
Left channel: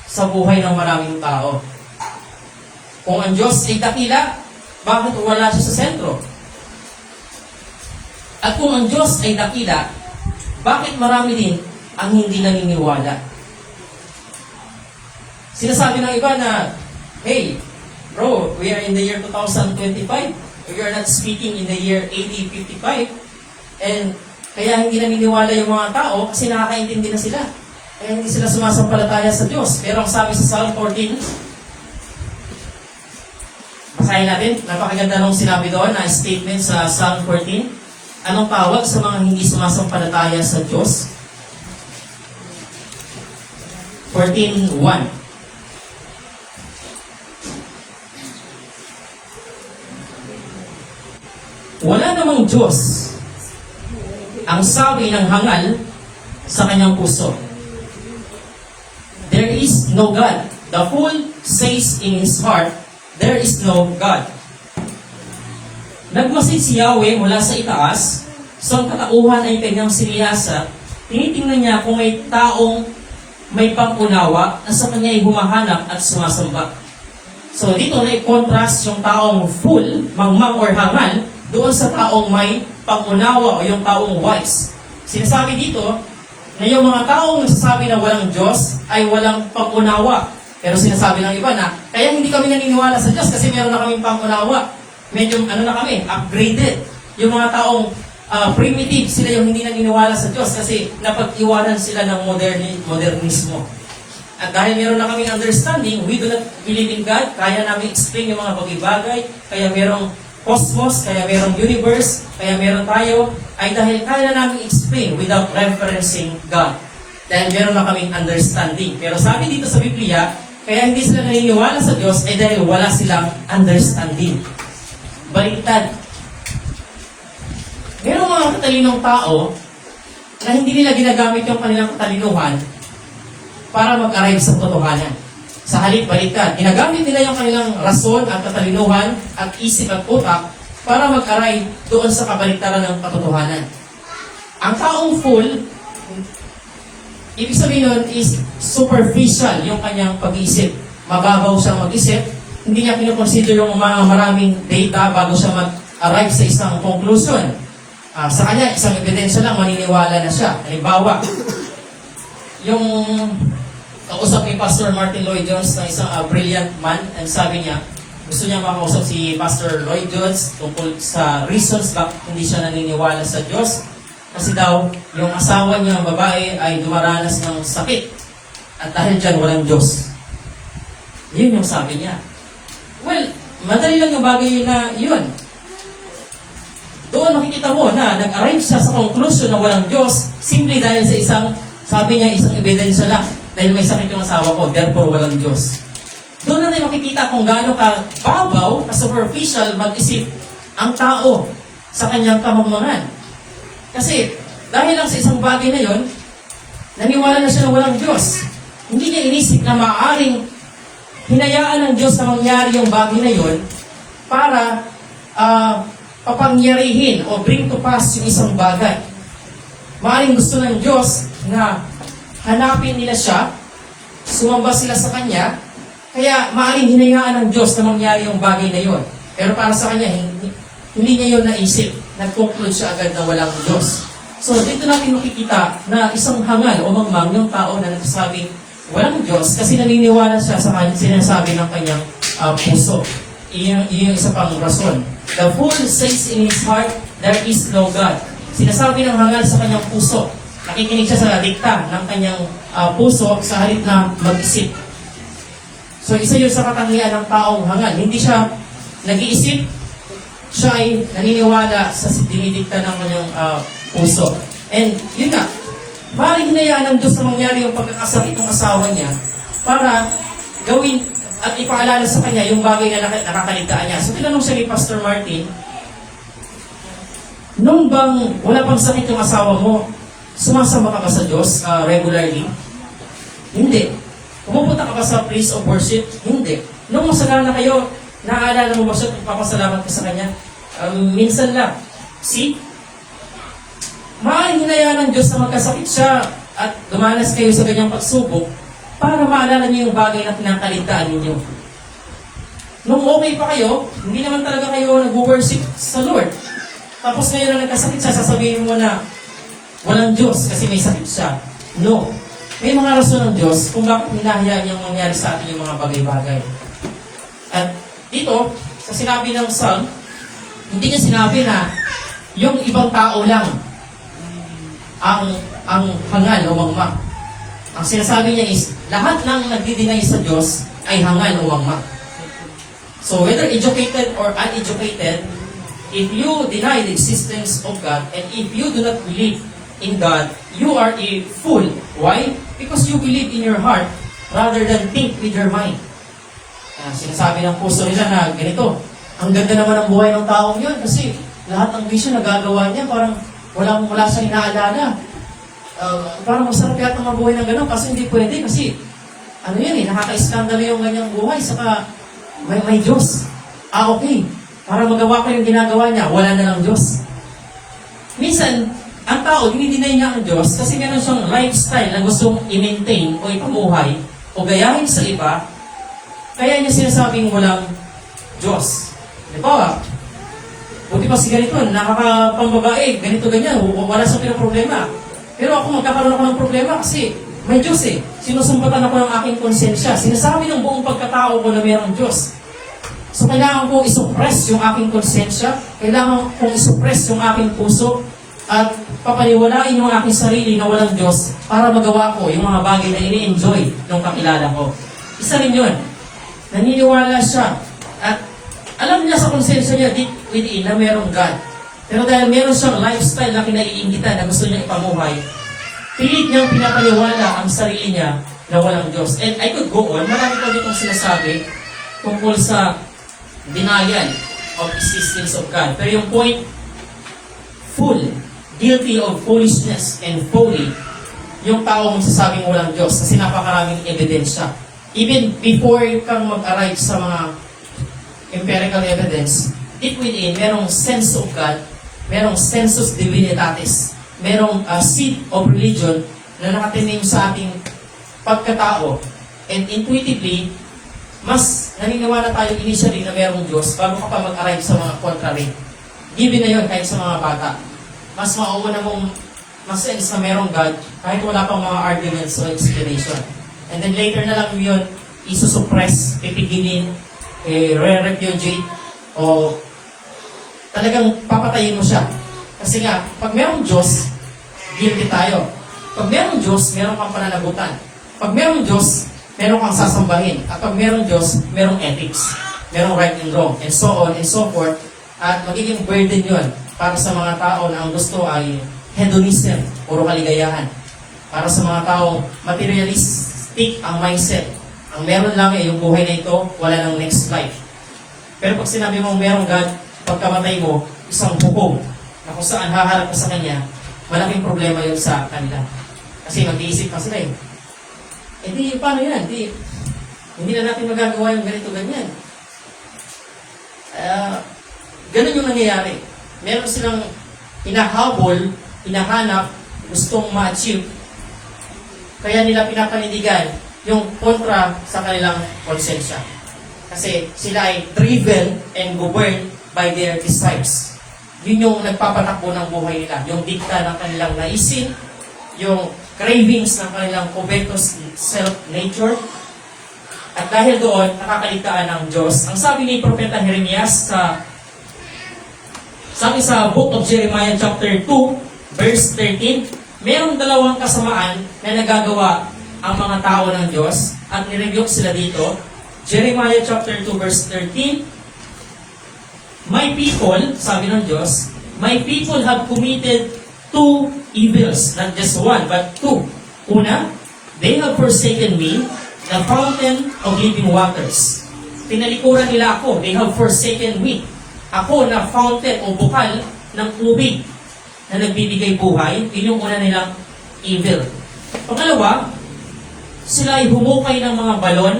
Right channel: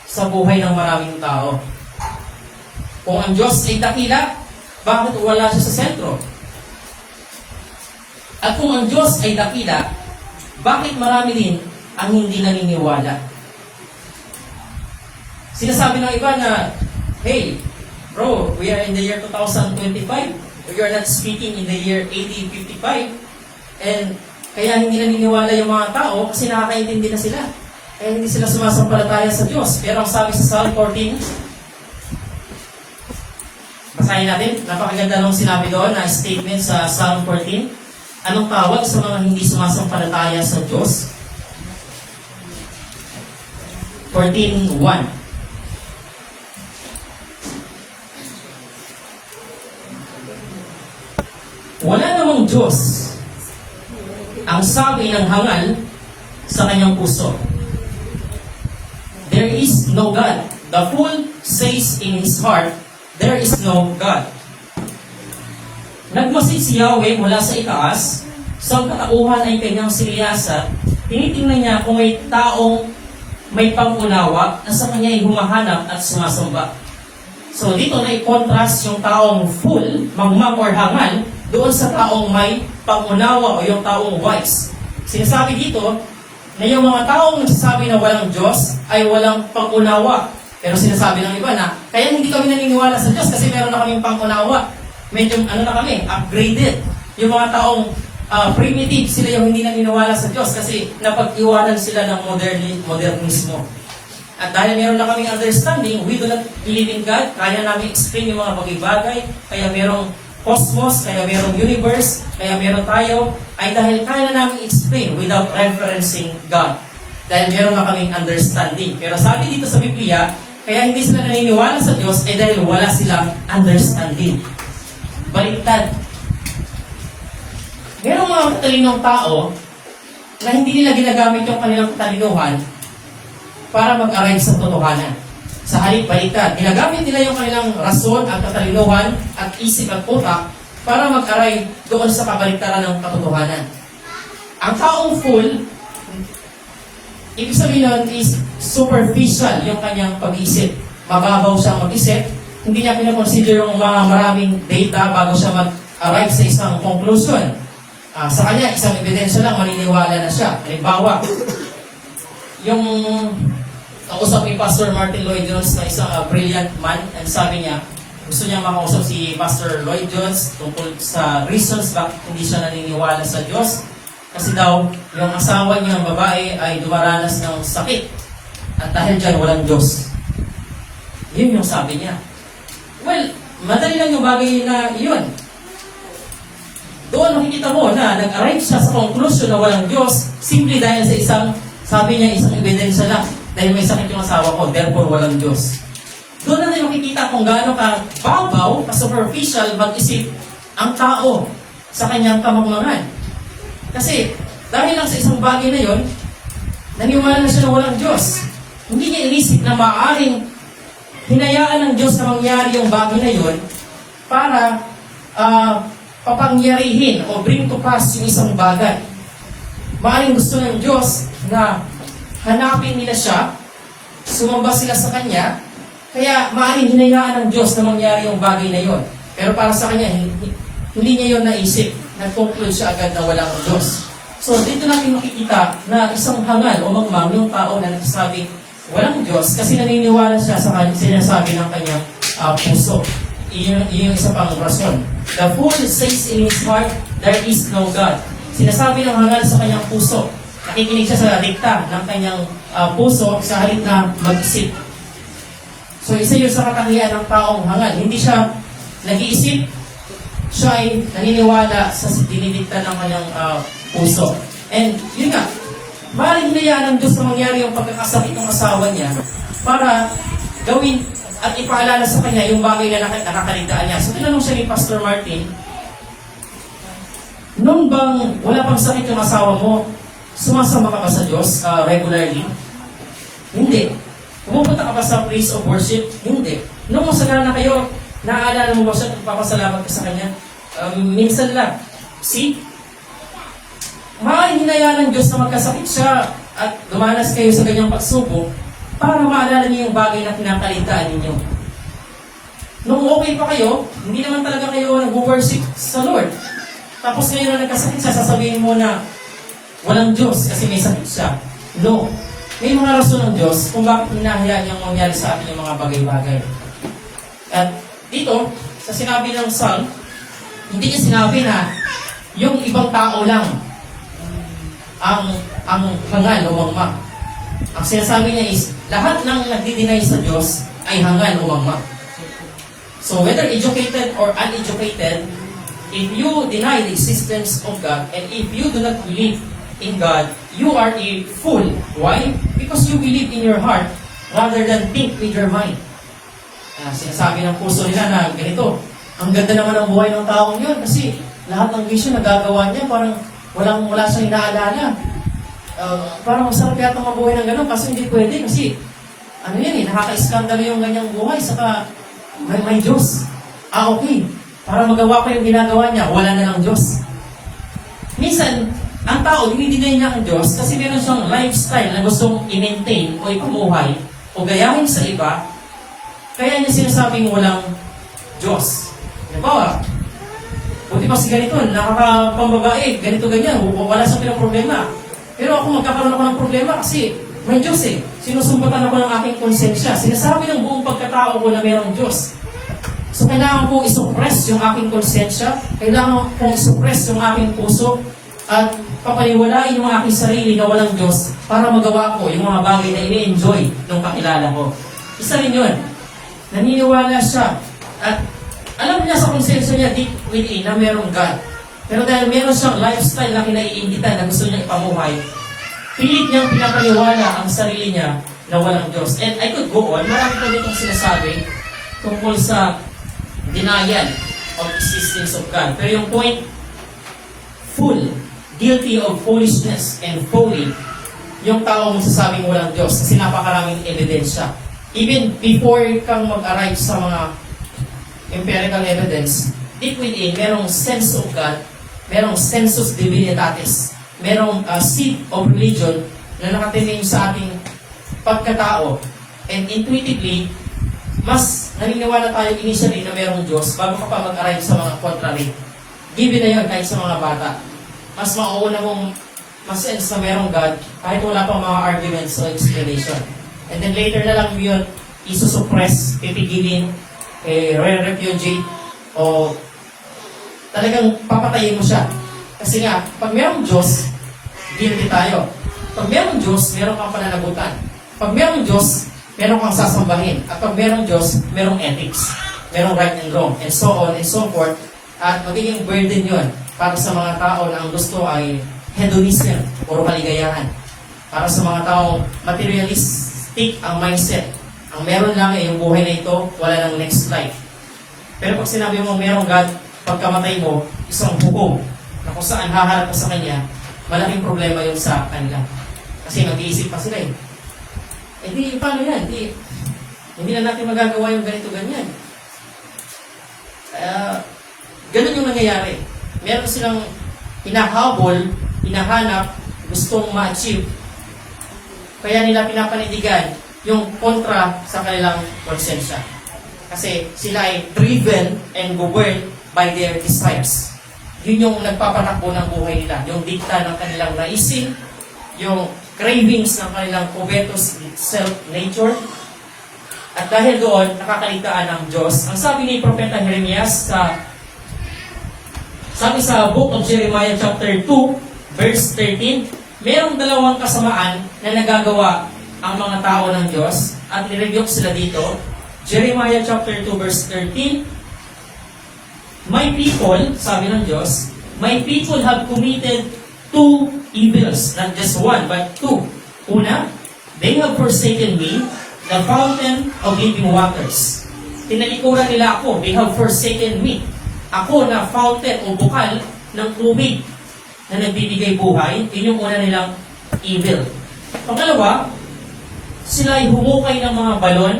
sa buhay ng maraming tao? Kung ang Diyos ay dakila, bakit wala siya sa sentro? At kung ang Diyos ay dakila, bakit marami din ang hindi naniniwala? Sinasabi ng iba na, hey, bro, we are in the year 2025. We are not speaking in the year 8055. And kaya hindi naniniwala yung mga tao kasi nakakaintindi na sila. Kaya hindi sila sumasampalataya sa Diyos. Pero ang sabi sa Psalm 14, basahin natin, napakaganda nung sinabi doon na statement sa Psalm 14. Anong tawag sa mga hindi sumasampalataya sa Diyos? 14:1. Wala namang Diyos ang sabi ng hangal sa kanyang puso. There is no God. The fool says in his heart, there is no God. Nagmasid si Yahweh mula sa itaas, sa katauhan ay kanyang siniyasa, tinitingnan niya kung may taong may pang-unawa na sa kanya ay humahanap at sumasamba. So dito na i-contrast yung taong fool, mangmang or hangal, doon sa taong may pang-unawa o yung taong wise. Sinasabi dito na yung mga taong nagsasabi na walang Diyos ay walang pang-unawa. Pero sinasabi ng iba na, kaya hindi kami naniniwala sa Diyos kasi meron na kaming pang-unawa. Medyo na kami, upgraded. Yung mga taong primitive, sila yung hindi naniniwala sa Diyos kasi napag-iwanan sila ng modernismo. At dahil meron na kaming understanding, we do not believe in God, kaya namin explain yung mga bagay-bagay, kaya merong cosmos, kaya merong universe, kaya meron tayo, ay dahil kaya na namin explain without referencing God. Dahil meron na kaming understanding. Pero sabi dito sa Biblia, kaya hindi sila naniniwala sa Diyos ay dahil wala silang understanding. Baliktad. Merong mga katalinong tao na hindi nila ginagamit yung kanilang katalinuhan para mag-arrive sa totohanan. Sa halip, baliktad. Ginagamit nila yung kanilang rason, ang katalinuhan, at isip at utak para mag-arrive doon sa kabaliktaran ng katotohanan. Ang taong fool, ibig sabihin nun is superficial yung kanyang pag-iisip. Mababaw siyang mag-isip. Hindi niya kinoconsider yung mga maraming data bago siya mag-arrive sa isang conclusion. Sa kanya, isang ebidensya lang, maniniwala na siya. Halimbawa, yung kausap ni Pastor Martin Lloyd-Jones na isang brilliant man, and sabi niya, gusto niya makausap si Pastor Lloyd-Jones tungkol sa reasons bakit hindi siya naniniwala sa Diyos. Kasi daw, yung asawa niya, babae, ay dumaranas ng sakit. At dahil dyan, walang Diyos. Yun yung sabi niya. Well, madali lang yung bagay na yun. Doon makikita mo na nag-arrive siya sa conclusion na walang Diyos simply dahil sa isang, sabi niya, isang ebidensya lang. Dahil may sakit yung asawa ko, therefore walang Diyos. Doon na tayo makikita kung gaano ka babaw, ka superficial, mag-isip ang tao sa kanyang kamangmangan. Kasi dahil lang sa isang bagay na yon, naniwala na siya na walang Diyos. Hindi niya inisip na maaaring hinayaan ng Diyos na mangyari yung bagay na yon para papangyarihin o bring to pass yung isang bagay. Maaaring gusto ng Diyos na hanapin nila siya, sumamba sila sa Kanya, kaya maaaring hinayaan ng Diyos na mangyari yung bagay na yon. Pero para sa Kanya, hindi niya yun naisip. Nag-conclude siya agad na walang Diyos. So dito natin makikita na isang hangal o mangmang yung tao na nagsasabi walang Diyos kasi naniniwala siya sa sinasabi ng kanyang puso. Iyon isa pang rason. The fool says in his heart, there is no God. Sinasabi ng hangal sa kanyang puso. Nakikinig siya sa dikta ng kanyang puso sa halip na mag-isip. So isa yun sa katangian ng taong hangal. Hindi siya nag-iisip, siya ay naniniwala sa dinidikta ng kanyang puso. And yun nga, maaaring hinayaan ng Diyos na mangyari yung pagkakasakit ng asawa niya para gawin at ipaalala sa kanya yung bagay na nakakaligtaan niya. So tinanong siya ni Pastor Martin, nung bang wala pang sakit yung asawa mo, Sumasama ka ba sa Diyos regularly? Hindi. Pumupunta ka ba sa place of worship? Hindi. Nung masala na kayo, naaalala mo ba siya at papasalamat ka sa Kanya? Minsan lang. See? Maaaring hinayaan ng Diyos na magkasakit siya at dumanas kayo sa ganyang pagsubok para maalala niyo yung bagay na pinakaligtaan ninyo. Nung okay pa kayo, hindi naman talaga kayo nag-worship sa Lord. Tapos ngayon na nagkasakit siya, sasabihin mo na walang Diyos kasi may sakit siya. No. May mga rason ng Diyos kung bakit hinahayaan niyang mangyari sa atin yung mga bagay-bagay. At dito, sa sinabi ng Psalm, hindi niya sinabi na yung ibang tao lang ang hangal o mangma. Ang sinasabi niya is, lahat ng nagdi-deny sa Diyos ay hangal o mangma. So whether educated or uneducated, if you deny the existence of God and if you do not believe in God, you are a fool. Why? Because you believe in your heart rather than think with your mind. Sinasabi ng puso nila na ganito, ang ganda naman ng buhay ng taong yun kasi lahat ng bisyo nagagawa niya, parang wala siyang inaalala. Parang masarap yata mabuhay ng gano'n, kasi hindi pwede kasi nakaka-iskandalo yung ganyang buhay, saka may Diyos. Okay. Para magawa ko yung ginagawa niya, wala na lang Diyos. Minsan, ang tao, dinideny niya ang Diyos kasi meron siyang lifestyle na gustong i-maintain o ipumuhay o gayahin sa iba, kaya niya sinasabing walang Diyos. Diba? Buti pa si ganito, nakakapambabae, ganito ganyan, wala sa pinaproblema. Pero ako magkakaroon ako ng problema kasi may Diyos eh. Sinusumbatan ako ng aking konsensya. Sinasabi ng buong pagkatao ko na mayroong Diyos. So kailangan kong isuppress yung aking konsensya, kailangan kong isuppress yung aking puso, at papaniwalain yung aking sarili na walang Diyos para magawa ko yung mga bagay na ini-enjoy ng kakilala ko. Isa rin yun. Naniniwala siya. At alam niya sa konsensya niya deep within na mayroong God. Pero dahil meron siyang lifestyle na kinaiingitan na gusto niya ipamuhay, pilit niyang pinapaniwala ang sarili niya na walang Diyos. And I could go on. Marami ko ditong sinasabi tungkol sa denial of existence of God. Pero yung point, full, guilty of foolishness and folly, yung taong magsasabing walang Diyos kasi napakaraming ebidensya. Even before kang mag-arrive sa mga empirical evidence, deep within, merong sense of God, merong sensus divinitatis, merong seed of religion na nakatinig sa ating pagkatao. And intuitively, mas naniniwala tayo initially na merong Diyos bago ka pa mag-arrive sa mga contrary. Given na yun kahit sa mga bata. Mas mauuna mong mas-sense na merong God kahit wala pang mga arguments o explanation. And then later na lang yun, isusuppress, pipigilin, re-repudiate, o talagang papatayin mo siya. Kasi nga, pag merong Diyos, guilty tayo. Pag merong Diyos, meron kang pananagutan. Pag merong Diyos, meron kang sasambahin. At pag merong Diyos, merong ethics. Merong right and wrong, and so on and so forth. At magiging burden yun para sa mga tao na ang gusto ay hedonism, puro kaligayahan. Para sa mga taong materialistic ang mindset. Ang meron lang ay yung buhay na ito, wala nang next life. Pero pag sinabi mong merong God, pagkamatay mo, isang hukom na kung saan haharap ka sa Kanya, malaking problema yun sa kanila. Kasi nag-iisip pa sila eh. Hindi, paano yan? Hindi na natin magagawa yung ganito-ganyan. Ganun yung nangyayari. Meron silang hinahabol, hinahanap, gustong ma-achieve. Kaya nila pinapanindigan yung kontra sa kanilang konsensya. Kasi sila ay driven and governed by their desires. Yun yung nagpapatakbo ng buhay nila. Yung dikta ng kanilang naisin, yung cravings ng kanilang covetous self-nature. At dahil doon, nakakaligtaan ng Diyos. Ang sabi ni Propeta Jeremias sa Book of Jeremiah chapter 2, verse 13, mayroong dalawang kasamaan na nagagawa ang mga tao ng Diyos at nirebuke sila dito. Jeremiah chapter 2, verse 13, my people, sabi ng Diyos, my people have committed two evils, not just one, but two. Una, they have forsaken me, the fountain of living waters. Tinalikuran nila ako, they have forsaken me. Ako na fountain o bukal ng tubig na nagbibigay buhay, yun yung una nilang evil. Pangalawa, sila ay humukay ng mga balon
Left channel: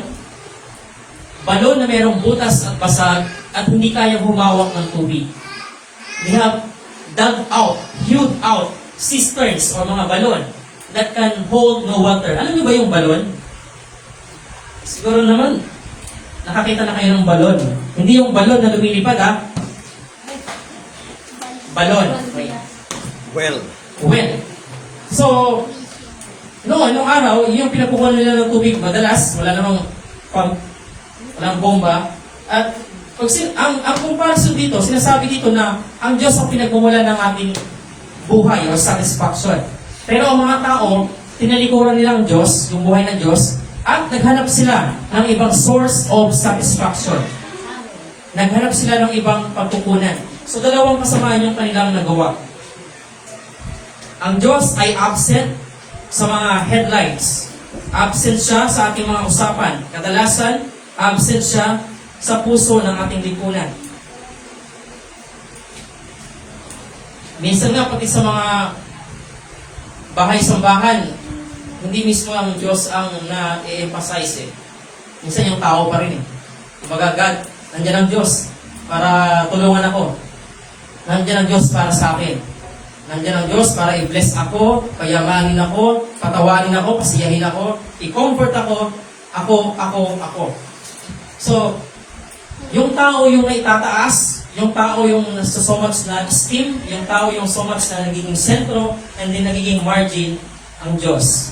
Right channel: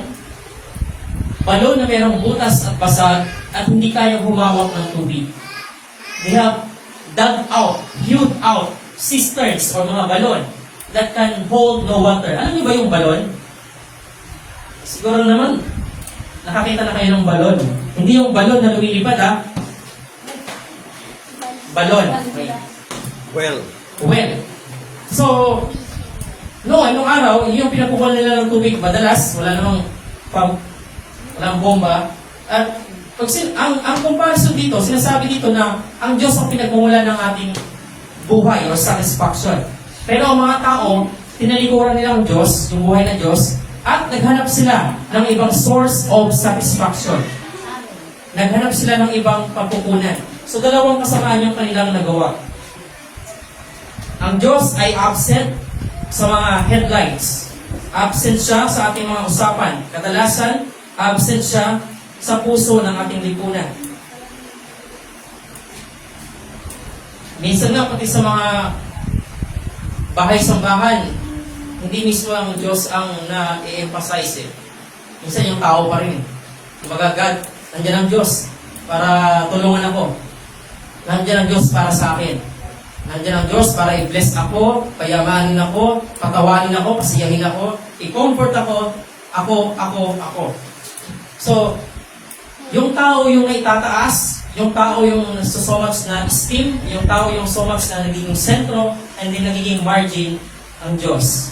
na mayroong butas at basag at hindi kayang humawak ng tubig. They have dug out, hewed out cisterns o mga balon that can hold no water. Alam niyo ba yung balon? Siguro naman, nakakita na kayo ng balon. Hindi yung balon na lumilipad, ha? Balon. Well, So, nung araw, yung pinapukuhan nila ng tubig, madalas, wala namang pump, walang bomba. At ang comparison dito, sinasabi dito na ang Diyos ang pinagmumula ng ating buhay or satisfaction. Pero ang mga tao, tinalikuran nila ang Diyos, yung buhay ng Diyos, at naghanap sila ng ibang source of satisfaction. Naghanap sila ng ibang pagkukunan. So, dalawang kasamaan yung kanilang nagawa. Ang Diyos ay absent sa mga headlines. Absent siya sa ating mga usapan. Kadalasan, absent siya sa puso ng ating lipunan. Minsan nga pati sa mga bahay-sambahan, hindi mismo ang Diyos ang na-emphasize eh. Minsan yung tao pa rin eh. Kumbaga, God, nandiyan ang Diyos para tulungan ako. Nandiyan ang Diyos para sa akin. Nandiyan ang Diyos para i-bless ako, payamanin ako, patawanin ako, pasiyahin ako, i-comfort ako. So, yung tao yung naitataas, yung tao yung so much na esteem, yung tao yung so much na nagiging sentro, and then nagiging margin ang Diyos.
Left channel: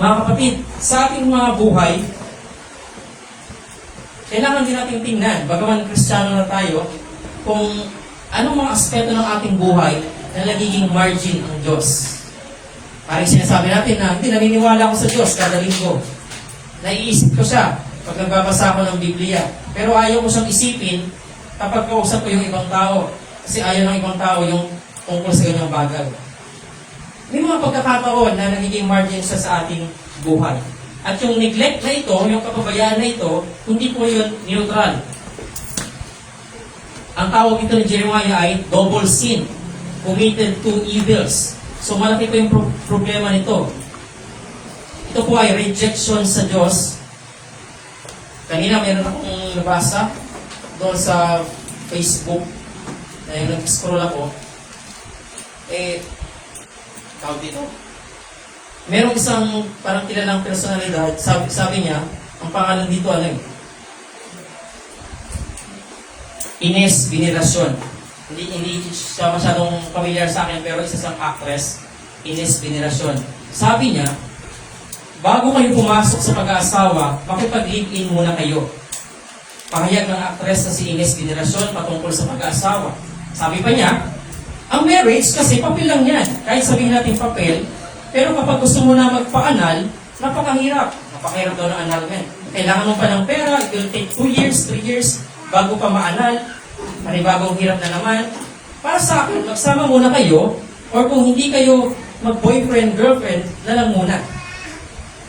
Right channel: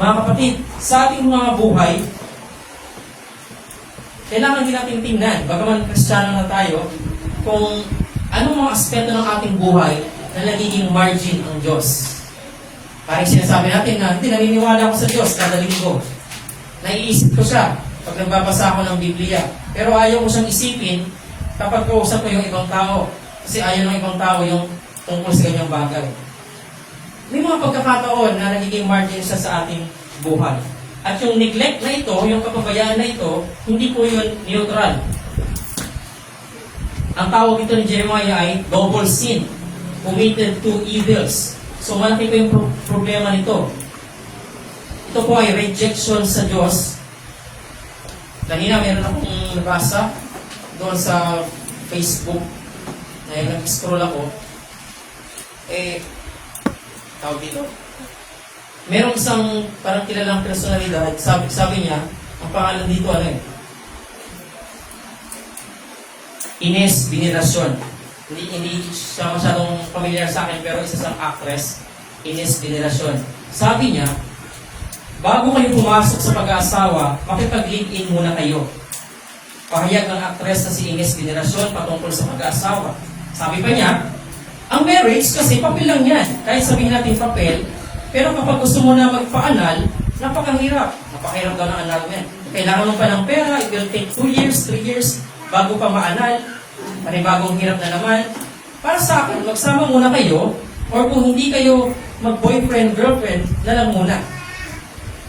Mga kapatid, sa ating mga buhay, kailangan din natin tingnan, bagaman Kristiyano na tayo, kung anong mga aspeto ng ating buhay na nagiging margin ang Diyos. Parang sinasabi natin na hindi naniniwala ako sa Diyos kada linggo. Naiisip ko siya pag nagbabasa ako ng Biblia. Pero ayaw ko siyang isipin kapag kausap ko yung ibang tao. Kasi ayaw ng ibang tao yung tungkol sa ganyang bagay. May mga pagkakataon na nagiging margin siya sa ating buhay. At yung neglect na ito, yung kapabayaan na ito, hindi po yun neutral. Ang tawag ito ni Jeremiah ay double sin. Committed two evils. So malaki pa yung problema nito. Ito po ay rejection sa Diyos. Kanina meron akong nabasa doon sa Facebook. Dahil nag-scroll ako. Tawag dito. Merong isang parang kilalang personalidad. Sabi niya, ang pangalan dito ano eh? Ines Veneracion. Hindi siya masyadong familiar sa akin, pero isa siyang actress, Ines Veneracion. Sabi niya, bago kayo pumasok sa pag-aasawa, makipag-live-in muna kayo. Pahayag ng actress na si Ines Veneracion patungkol sa pag-aasawa. Sabi pa niya, ang marriage kasi papel lang yan. Kahit sabihin natin papel, pero kapag gusto mo na magpa-anal, napakahirap. Napakahirap daw ng annulment. Kailangan mo pa ng pera, it will take 2 years, 3 years, bago pa ma-anal. Panibagong hirap na naman. Para sa akin, magsama muna kayo, or kung hindi kayo mag-boyfriend, girlfriend, na lang muna.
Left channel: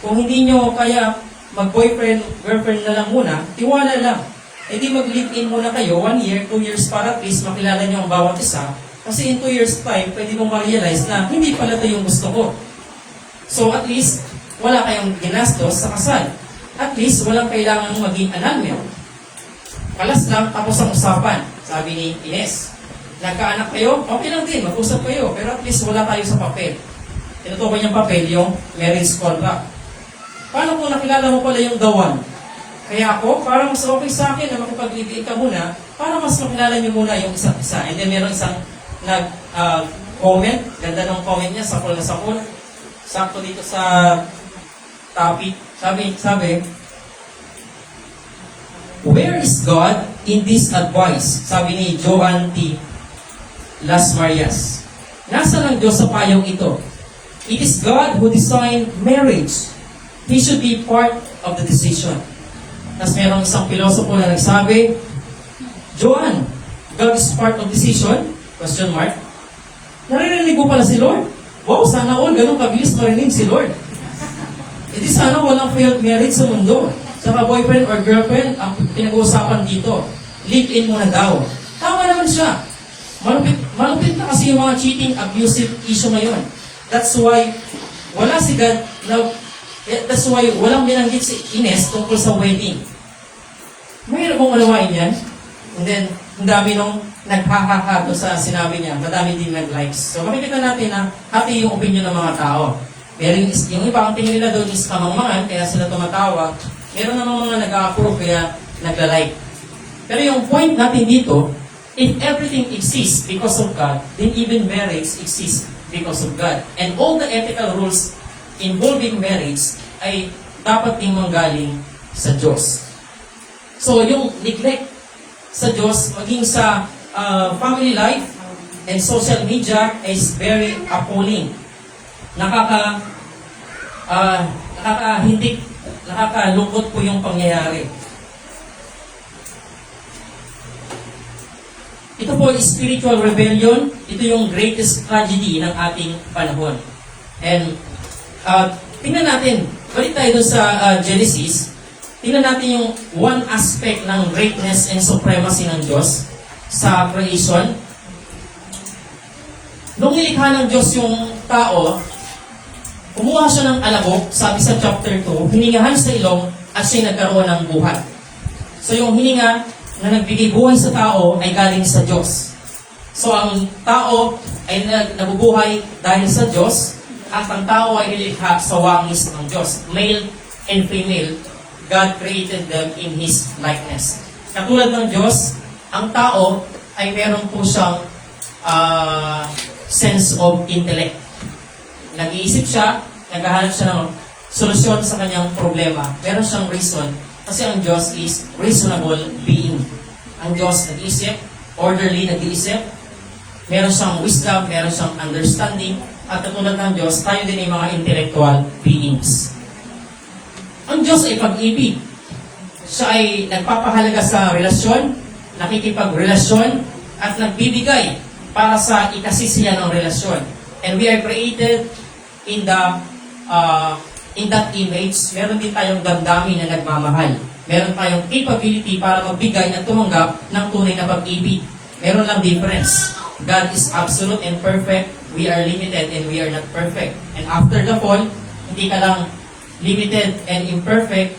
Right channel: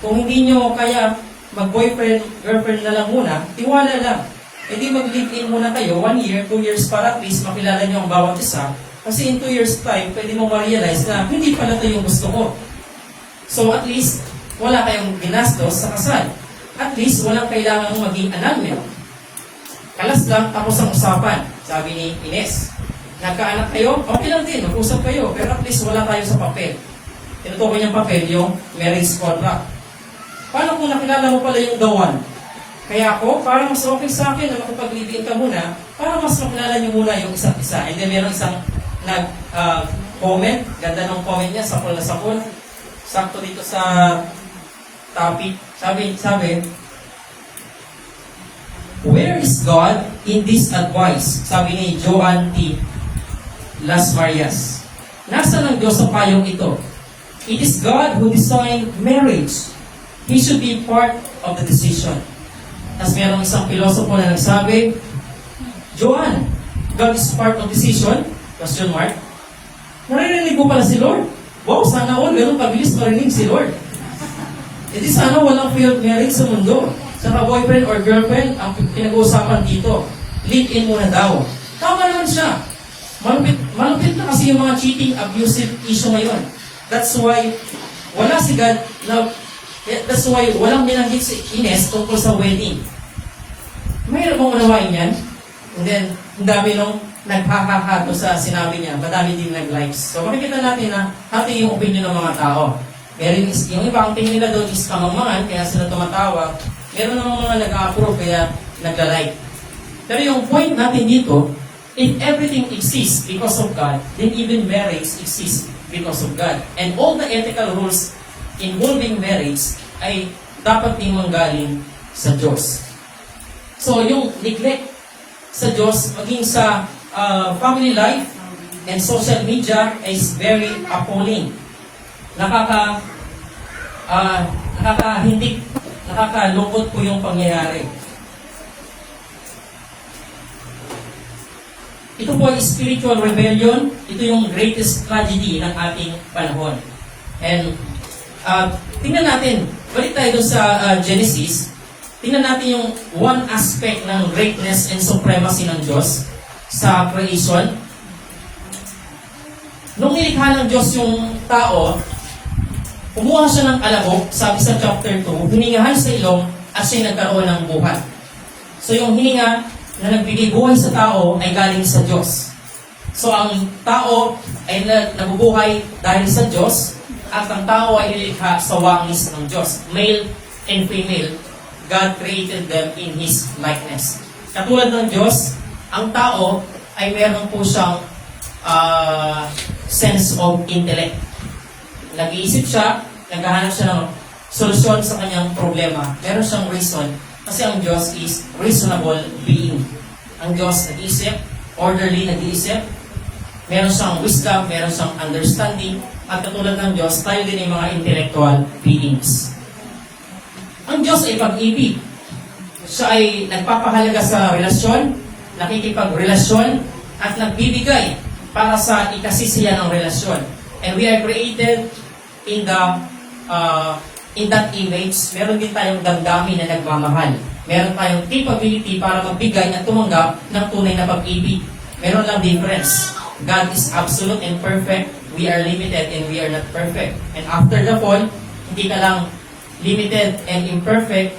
Kung hindi nyo kaya mag-boyfriend, girlfriend na lang muna, tiwala lang. Hindi mag-live-in muna kayo, 1 year, 2 years, para at least makilala nyo ang bawat isa. Kasi in 2 years time, pwede mong ma-realize na hindi pala ito yung gusto ko. So at least, wala kayong ginastos sa kasal. At least, walang kailangan maging annulment. Kalas lang, tapos ang usapan. Sabi ni Ines, nagkaanak kayo, okay lang din, mag-usap kayo. Pero at least wala tayo sa papel. Tinutukoy niyang papel yung marriage contract. Paano kung nakilala mo pala yung the one? Kaya ako, parang mas okay sa akin na makapag-live-in ka muna, para mas makilala niyo muna yung isang isa. And then meron isang nag-comment, ganda ng comment niya, sakol na sakol. Sakto dito sa topic. Sabi, where is God in this advice? Sabi ni Joan T. Las Marias. Nasaan ang Diyos sa payong ito? It is God who designed marriage. He should be part of the decision. Tapos merong isang pilosopo na nagsabi, Joan, God is part of decision? Question mark. Naririnig mo pala si Lord? Wow, sana all ganun kabilis marinig si Lord. Hindi sana walang failed marriage sa mundo. Sa boyfriend or girlfriend, ang pinag-uusapan dito, live-in muna daw. Tama naman siya. Malupit na kasi yung mga cheating, abusive issue ngayon. That's why, wala si God na, that's why walang binanggit si Ines tungkol sa wedding. Mahirap mong unawain yan. And then, ang dami nung naghahahado sa sinabi niya, madami din nag-likes. So makikita natin na happy yung opinion ng mga tao. Pero yung iba ang tingin nila doon is kamangmangan, kaya sila tumatawa. Meron naman mga nag-approve, kaya nagla-like. Pero yung point natin dito, if everything exists because of God, then even marriage exists because of God. And all the ethical rules involving marriage ay dapat din manggaling sa Diyos. So yung neglect sa Diyos, maging sa family life and social media is very appalling. Nakakalungkot po yung pangyayari. Ito po ay spiritual rebellion. Ito yung greatest tragedy ng ating panahon. And tingnan natin, balik tayo dun sa Genesis. Tingnan natin yung one aspect ng greatness and supremacy ng Diyos sa creation. Nung ilikha ng Diyos yung tao, kumuha siya ng alabok, sabi sa chapter 2, hiningahan sa ilong at siya'y nagkaroon ng buhay. So yung hininga na nagbigay buhay sa tao ay galing sa Diyos. So ang tao ay nabubuhay dahil sa Diyos at ang tao ay nilikha sa wangis ng Diyos. Male and female, God created them in His likeness. Katulad ng Diyos, ang tao ay meron po siyang sense of intellect. Nag-iisip siya, naghahanap siya ng solusyon sa kanyang problema. Meron siyang reason kasi ang Diyos is reasonable being. Ang Diyos nag-iisip, orderly nag-iisip, meron siyang wisdom, meron siyang understanding, at katulad ng Diyos, tayo din yung mga intellectual beings. Ang Diyos ay pag-ibig. Siya ay nagpapahalaga sa relasyon, nakikipagrelasyon, at nagbibigay para sa ikasisiya ng relasyon. And we are created in that image. Meron din tayong damdamin na nagmamahal. Meron tayong capability para magbigay at tumanggap ng tunay na pag-ibig. Meron lang difference. God is absolute and perfect. We are limited and we are not perfect. And after the fall, hindi ka lang limited and imperfect,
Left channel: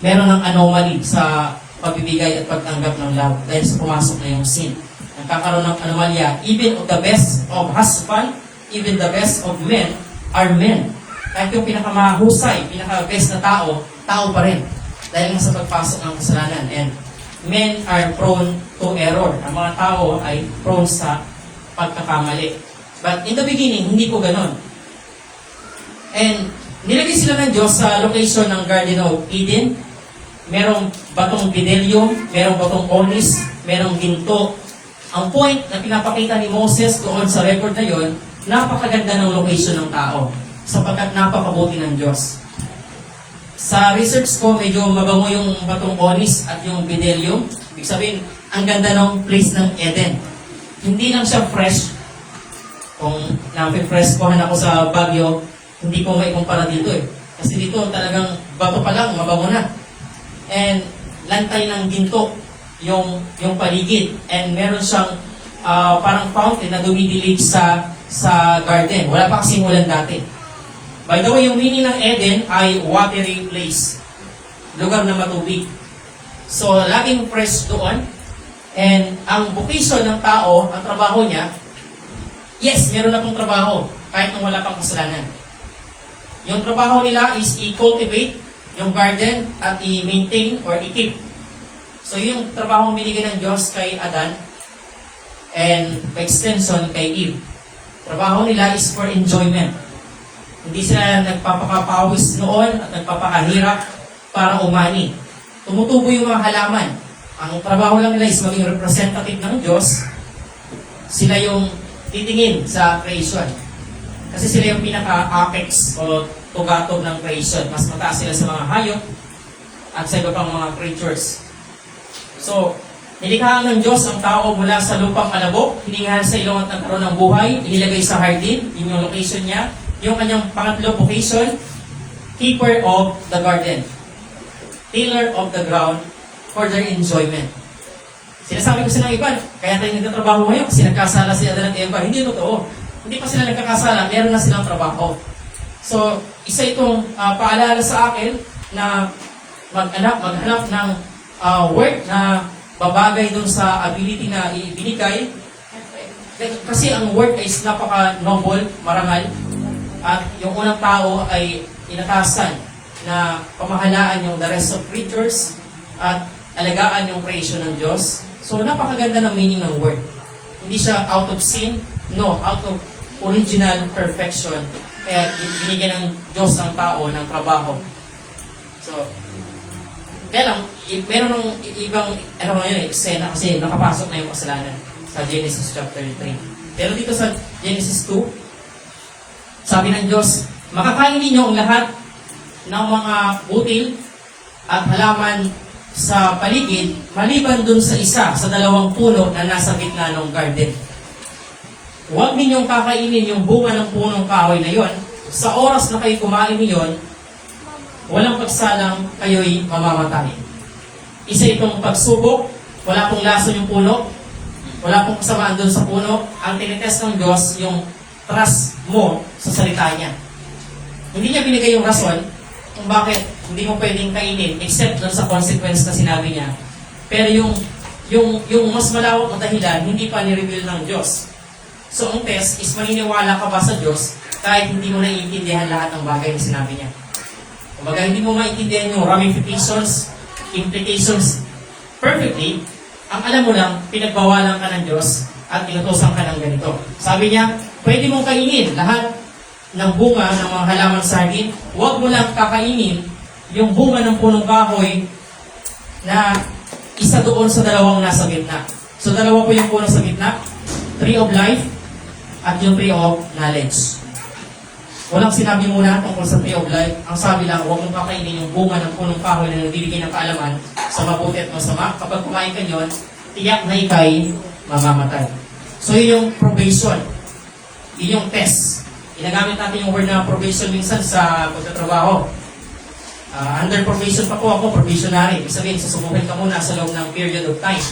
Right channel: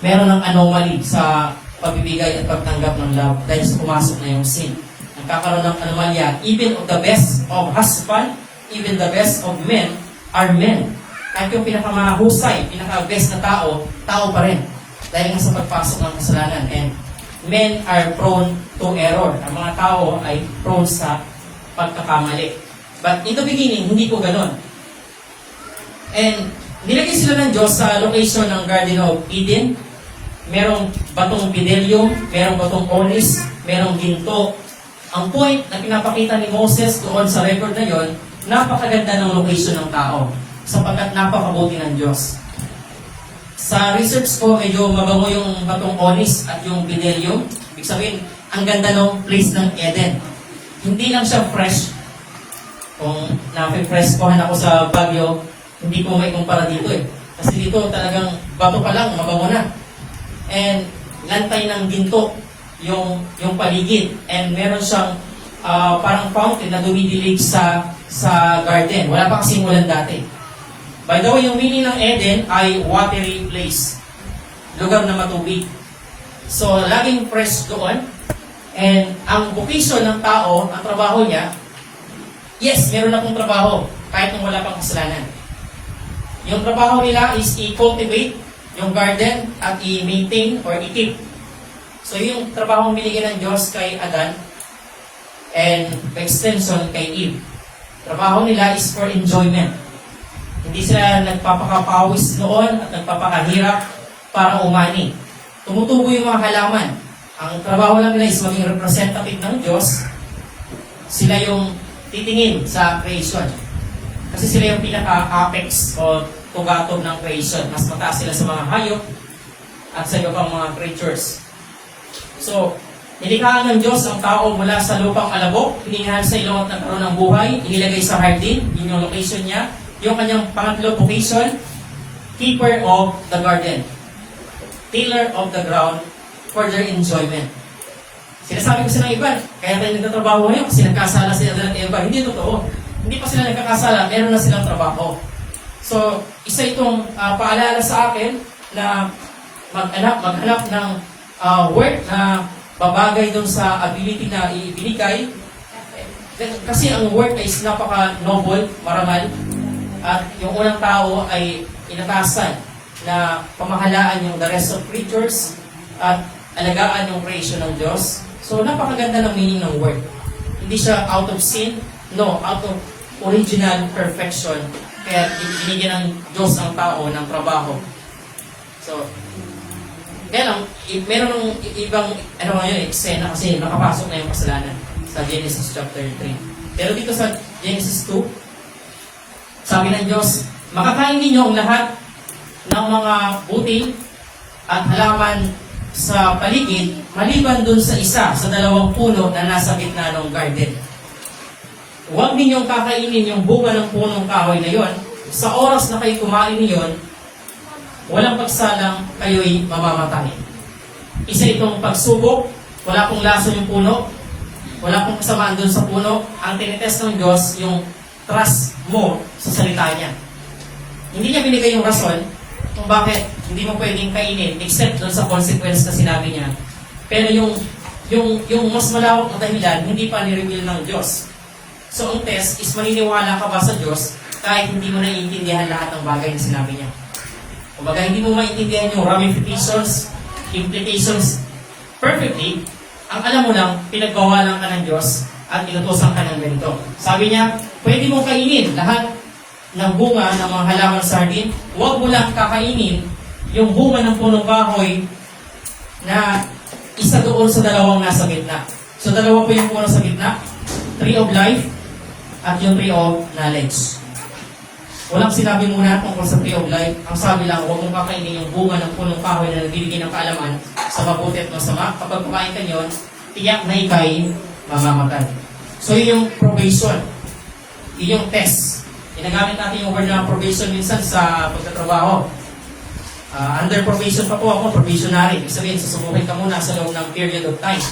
meron ng anomaly sa pagbibigay at pagtanggap ng love dahil sa pumasok na yung sin. Nagkakaroon ng anomalya. Even of the best of husband, even the best of men are men. Kahit yung pinakamahusay, pinaka-best na tao, tao pa rin. Dahil nga sa pagpasok ng kasalanan. And men are prone to error. Ang mga tao ay prone sa pagkakamali. But in the beginning, hindi po ganon. And nilagay sila ng Diyos sa location ng Garden of Eden. Merong batong bidelyum, merong batong onyx, merong ginto. Ang point na pinapakita ni Moses doon sa record na yon, napakaganda ng location ng tao sapagkat napakabuti ng Diyos. Sa research ko, medyo mabango yung batong onyx at yung bidelyum. Ibig sabihin, ang ganda ng place ng Eden. Hindi lang siya fresh. Kung na-fresh ko ako sa Baguio, hindi ko may kumpara dito eh. Kasi dito talagang bato pa lang, mabango na. And lantay ng ginto yung paligid. And meron siyang parang fountain na dumidilig sa garden. Wala pa kasing ulan dati. By the way, yung meaning ng Eden ay watery place. Lugar na matubig. So, laging fresh doon. And ang vocation ng tao, ang trabaho niya, yes, meron akong trabaho kahit nung wala pang kasalanan. Yung trabaho nila is i-cultivate yung garden at i-maintain or i-keep. So yung trabaho binigyan ng Diyos kay Adan and extension kay Eve. Trabaho nila is for enjoyment. Hindi sila nagpapakapawis noon at nagpapakahirap para umani. Tumutubo yung mga halaman. Ang trabaho lang nila is maging representative ng Diyos. Sila yung titingin sa creation. Kasi sila yung pinaka-apex o tugatog ng creation. Mas mataas sila sa mga hayop at sa iba pang mga creatures. So, nilikhaan ng Diyos ang tao mula sa lupang alabok, hiningahan sa ilong at nagkaroon ng buhay, inilagay sa hardin, yun yung location niya. Yung kanyang pangatlo vocation, keeper of the garden, tiller of the ground for their enjoyment. Sinasabi kasi ng iba, kaya tayo nagtatrabaho ngayon kasi nagkasala si Adan at Eva. Hindi totoo. hindi pa sila nagkakasala, meron na silang trabaho. So, isa itong paalala sa akin na maghanap ng work na babagay dun sa ability na ibinigay. Kasi ang work is napaka-noble, marangal. At yung unang tao ay inatasan na pamahalaan yung the rest of creatures at alagaan yung creation ng Diyos. So, napakaganda ng meaning ng work. Hindi siya out of sin, no, out of original perfection. Kaya binigyan ng Diyos ng tao ng trabaho. So, meron ng ibang, eksena kasi nakapasok na yung kasalanan sa Genesis chapter 3. Pero dito sa Genesis 2, sabi ng Diyos, makakain ninyo ang lahat ng mga butil at halaman sa paligid, maliban dun sa isa sa dalawang puno na nasa gitna ng garden. Huwag ninyong kakainin yung bunga ng punong kahoy na yon. Sa oras na kayo kumain niyon, walang pagsalang kayo'y mamamatay. Isa itong pagsubok, wala pong laso yung puno, wala pong kasamaan dun sa puno. Ang tinitest ng Diyos, yung trust mo sa salita niya. Hindi niya binigay yung rason kung bakit hindi mo pwedeng kainin except dun sa consequence na sinabi niya. Pero yung mas malawak na dahilan, hindi pa ni-reveal ng Diyos. So, ang test is maniniwala ka ba sa Diyos kahit hindi mo naiintindihan lahat ng bagay na sinabi niya. Kumbaga, hindi mo maintindihan yung ramifications, implications perfectly, ang alam mo lang, pinagbawalan ka ng Diyos at inutosan ka ng ganito. Sabi niya, pwede mo kainin lahat ng bunga ng mga halaman sa hardin. Huwag mo lang kakainin yung bunga ng punong kahoy na isa doon sa dalawang nasa gitna. So, dalawa po yung puno sa gitna, Tree of Life at yung Tree of Knowledge. Walang sinabi muna tungkol sa Tree of Life. Ang sabi lang, huwag mong kakainin yung bunga ng punong kahoy na nagbibigay ng kaalaman sa mabuti at masama. Kapag kumain ka yun, tiyak na ikay mamamatay. So yun yung probation. Yun yung test. Ginagamit natin yung word na probation minsan sa pagtatrabaho. Under probation pa po ako, probationary. Ibig sabihin, susubukin ka muna sa loob ng period of time.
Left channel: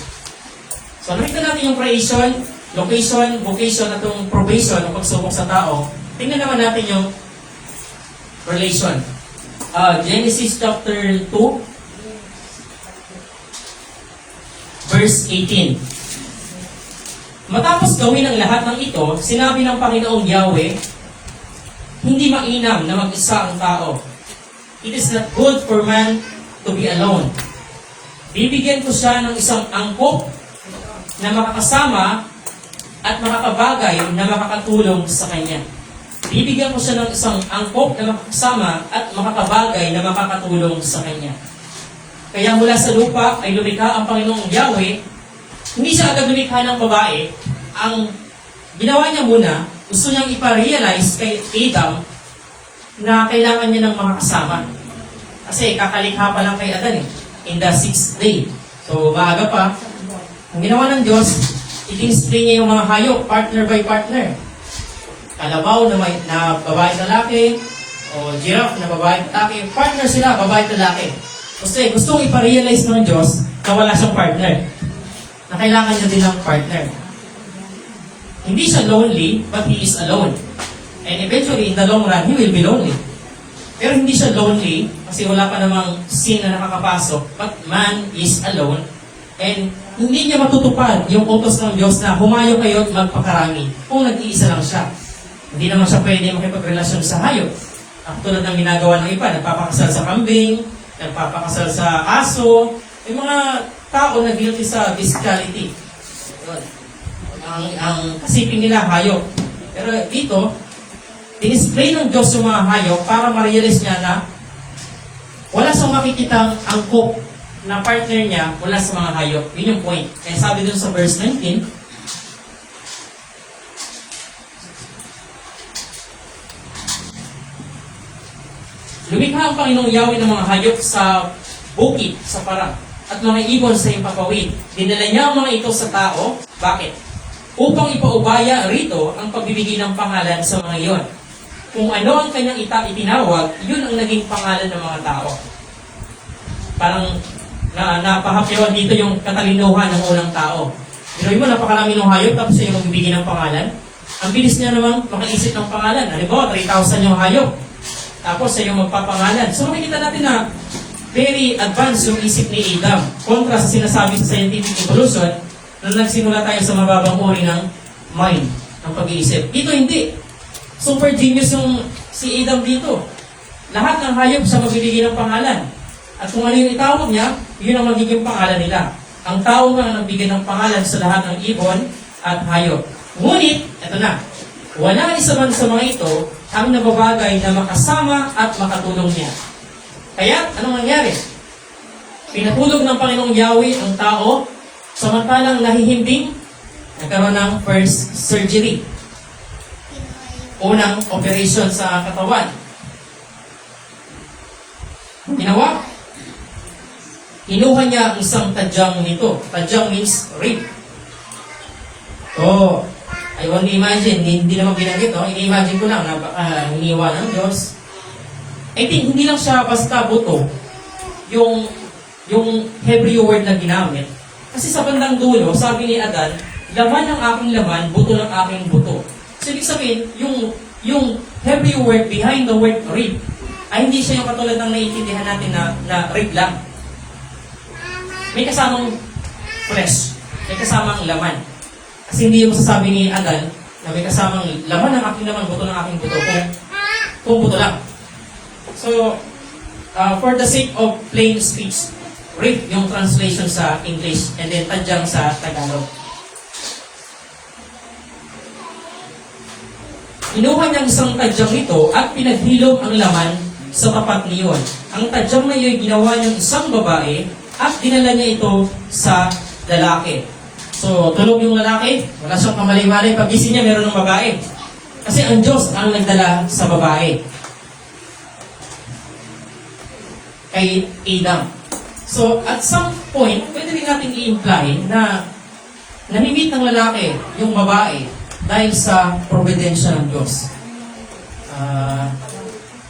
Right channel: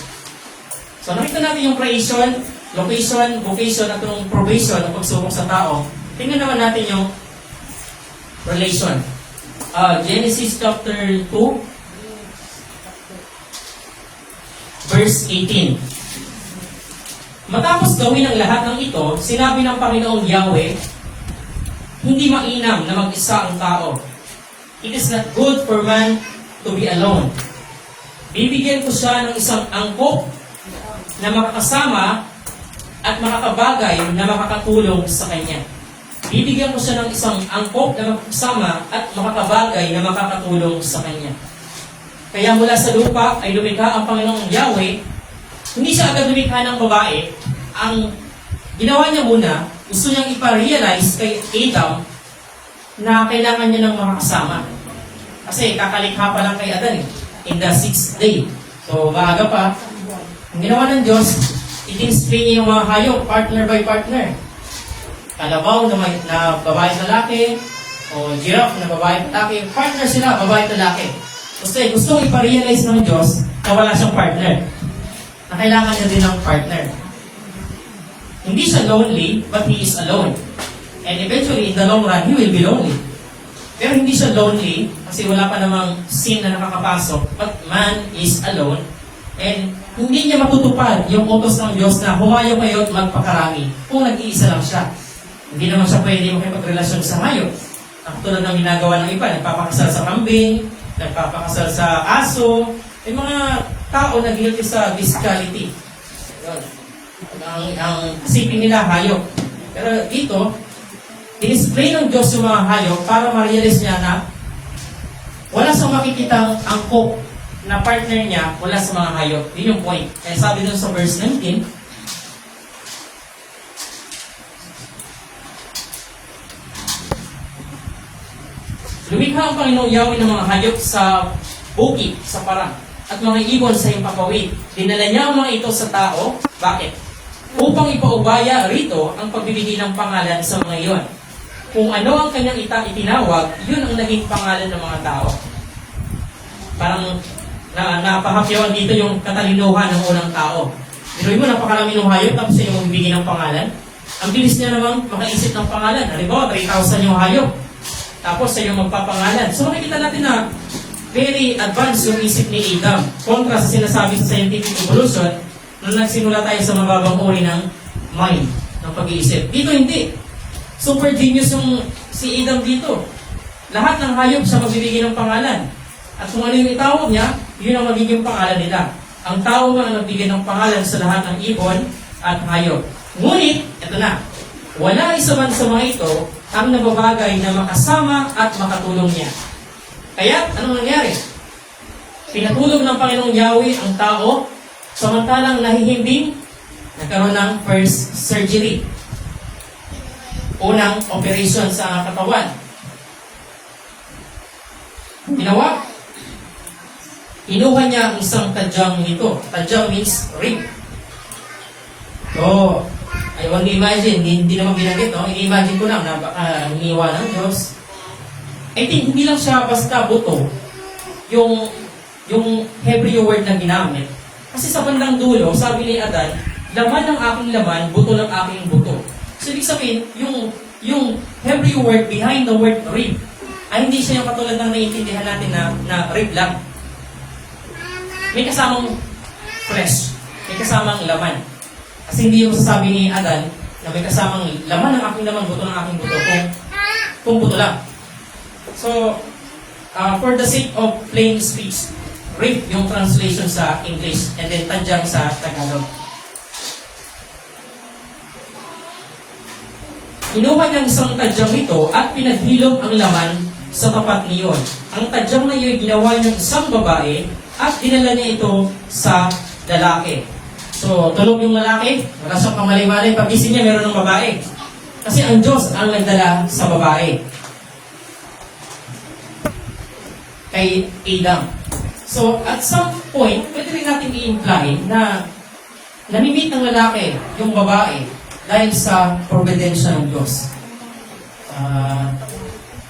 So nakita natin yung creation, location, vocation at yung probation, yung pagsubok sa tao. Tingnan naman natin yung relation. Genesis chapter 2, verse 18. Matapos gawin ang lahat ng ito, sinabi ng Panginoong Yahweh, hindi mainam na mag-isa ang tao. It is not good for man to be alone. Bibigyan ko siya ng isang angkop na makakasama at makakabagay na makakatulong sa kanya. Bibigyan ko siya ng isang angkop na makakasama at makakabagay na makakatulong sa kanya. Kaya mula sa lupa ay lumikha ang Panginoong Yahweh. Hindi siya agad lumikha ng babae. Ang ginawa niya muna, gusto niyang ipa-realize kay Adam na kailangan niya ng makakasama. Kasi kakalikha pa lang kay Adan in the 6th day. So maaga pa. Ang ginawa ng Diyos, i-display niya yung mga hayop, partner by partner. Kalabaw na babae at lalaki, o giraffe na babae at lalaki, partner sila, babae at lalaki. Kasi gustong ipa-realize ng Diyos na wala siyang partner. Na kailangan niya din ng partner. Hindi siya lonely, but he is alone. And eventually, in the long run, he will be lonely. Pero hindi siya lonely, kasi wala pa namang sin na nakakapasok, but man is alone. And hindi niya matutupad yung utos ng Diyos na humayo kayo at magpakarami kung nag-iisa lang siya. Hindi naman siya pwede makipagrelasyon sa hayop. Tulad ng ginagawa ng iba, nagpapakasal sa kambing, nagpapakasal sa aso, may mga tao na guilty sa physicality. Ang kasipin nila, hayop. Pero dito, i-display ng Diyos yung mga hayop para ma-realize niya na wala siyang makikitang angkop na partner niya mula sa mga hayop. Yun yung point. Kaya sabi dun sa verse 19, lumikha ang Panginoong Yahweh ng mga hayop sa bukid, sa parang, at mga ibon sa impapawid. Dinala niya ang mga ito sa tao. Bakit? Upang ipaubaya rito ang pagbibigay ng pangalan sa mga iyon. Kung ano ang kanyang itinawag, yun ang naging pangalan ng mga tao. Parang napahapyawan dito yung katalinuhan ng unang tao. Pero yung napakarami ng hayop, tapos yung bibigyan ng pangalan. Ang bilis niya naman makaisip ng pangalan. Halimbawa, 3,000 yung hayop. Tapos siya yung magpapangalan. So makikita natin na very advanced yung isip ni Adam. Kontra sa sinasabi sa scientific evolution nung nagsimula tayo sa mababang uri ng mind, ng pag-iisip. Dito hindi. Super genius yung si Adam dito. Lahat ng hayop siya magbibigay ng pangalan. At kung ano yung itawag niya, yun ang magiging pangalan nila. Ang tao man ang nagbigay ng pangalan sa lahat ng ibon at hayop. Ngunit, ito na, wala isa man sa mga ito ang nababagay na makasama at makatulong niya. Kaya, anong nangyari? Pinatulog ng Panginoong Yahweh ang tao, samantalang nahihimbing, nagkaroon ng first surgery. Unang operation sa katawan. Ginawa, inuha niya ang isang tadyang nito. Tadyang means rib. So, I want to imagine, hindi naman ginagit, no? I-imagine ko lang na hiniwa ng Diyos. I think hindi lang siya basta buto yung Hebrew word na ginamit. Kasi sa bandang dulo, sabi ni Adan, laman ng aking laman, buto ng aking buto. So, ibig sabihin, yung Hebrew word behind the word rib, ay hindi siya yung katulad ng naiintindihan natin na rib lang. May kasamang flesh, may kasamang laman. Kasi hindi yung sasabi ni Adan na may kasamang laman ng aking laman, buto ng aking buto, kung buto lang. So, for the sake of plain speech, rib yung translation sa English, and then tadyang sa Tagalog. Inuha niya isang tadyang ito at pinaghilom ang laman sa tapat niyon. Ang tadyang na iyo'y ginawa niyang isang babae at dinala niya ito sa lalaki. So, tulog yung lalaki, wala siyang pamali-mali, pag-gising niya meron ng babae. Kasi ang Diyos ang nagdala sa babae. Kay Adam. So, at some point, pwede rin natin i-imply na namimit ng lalaki yung babae dahil sa providensya ng Diyos.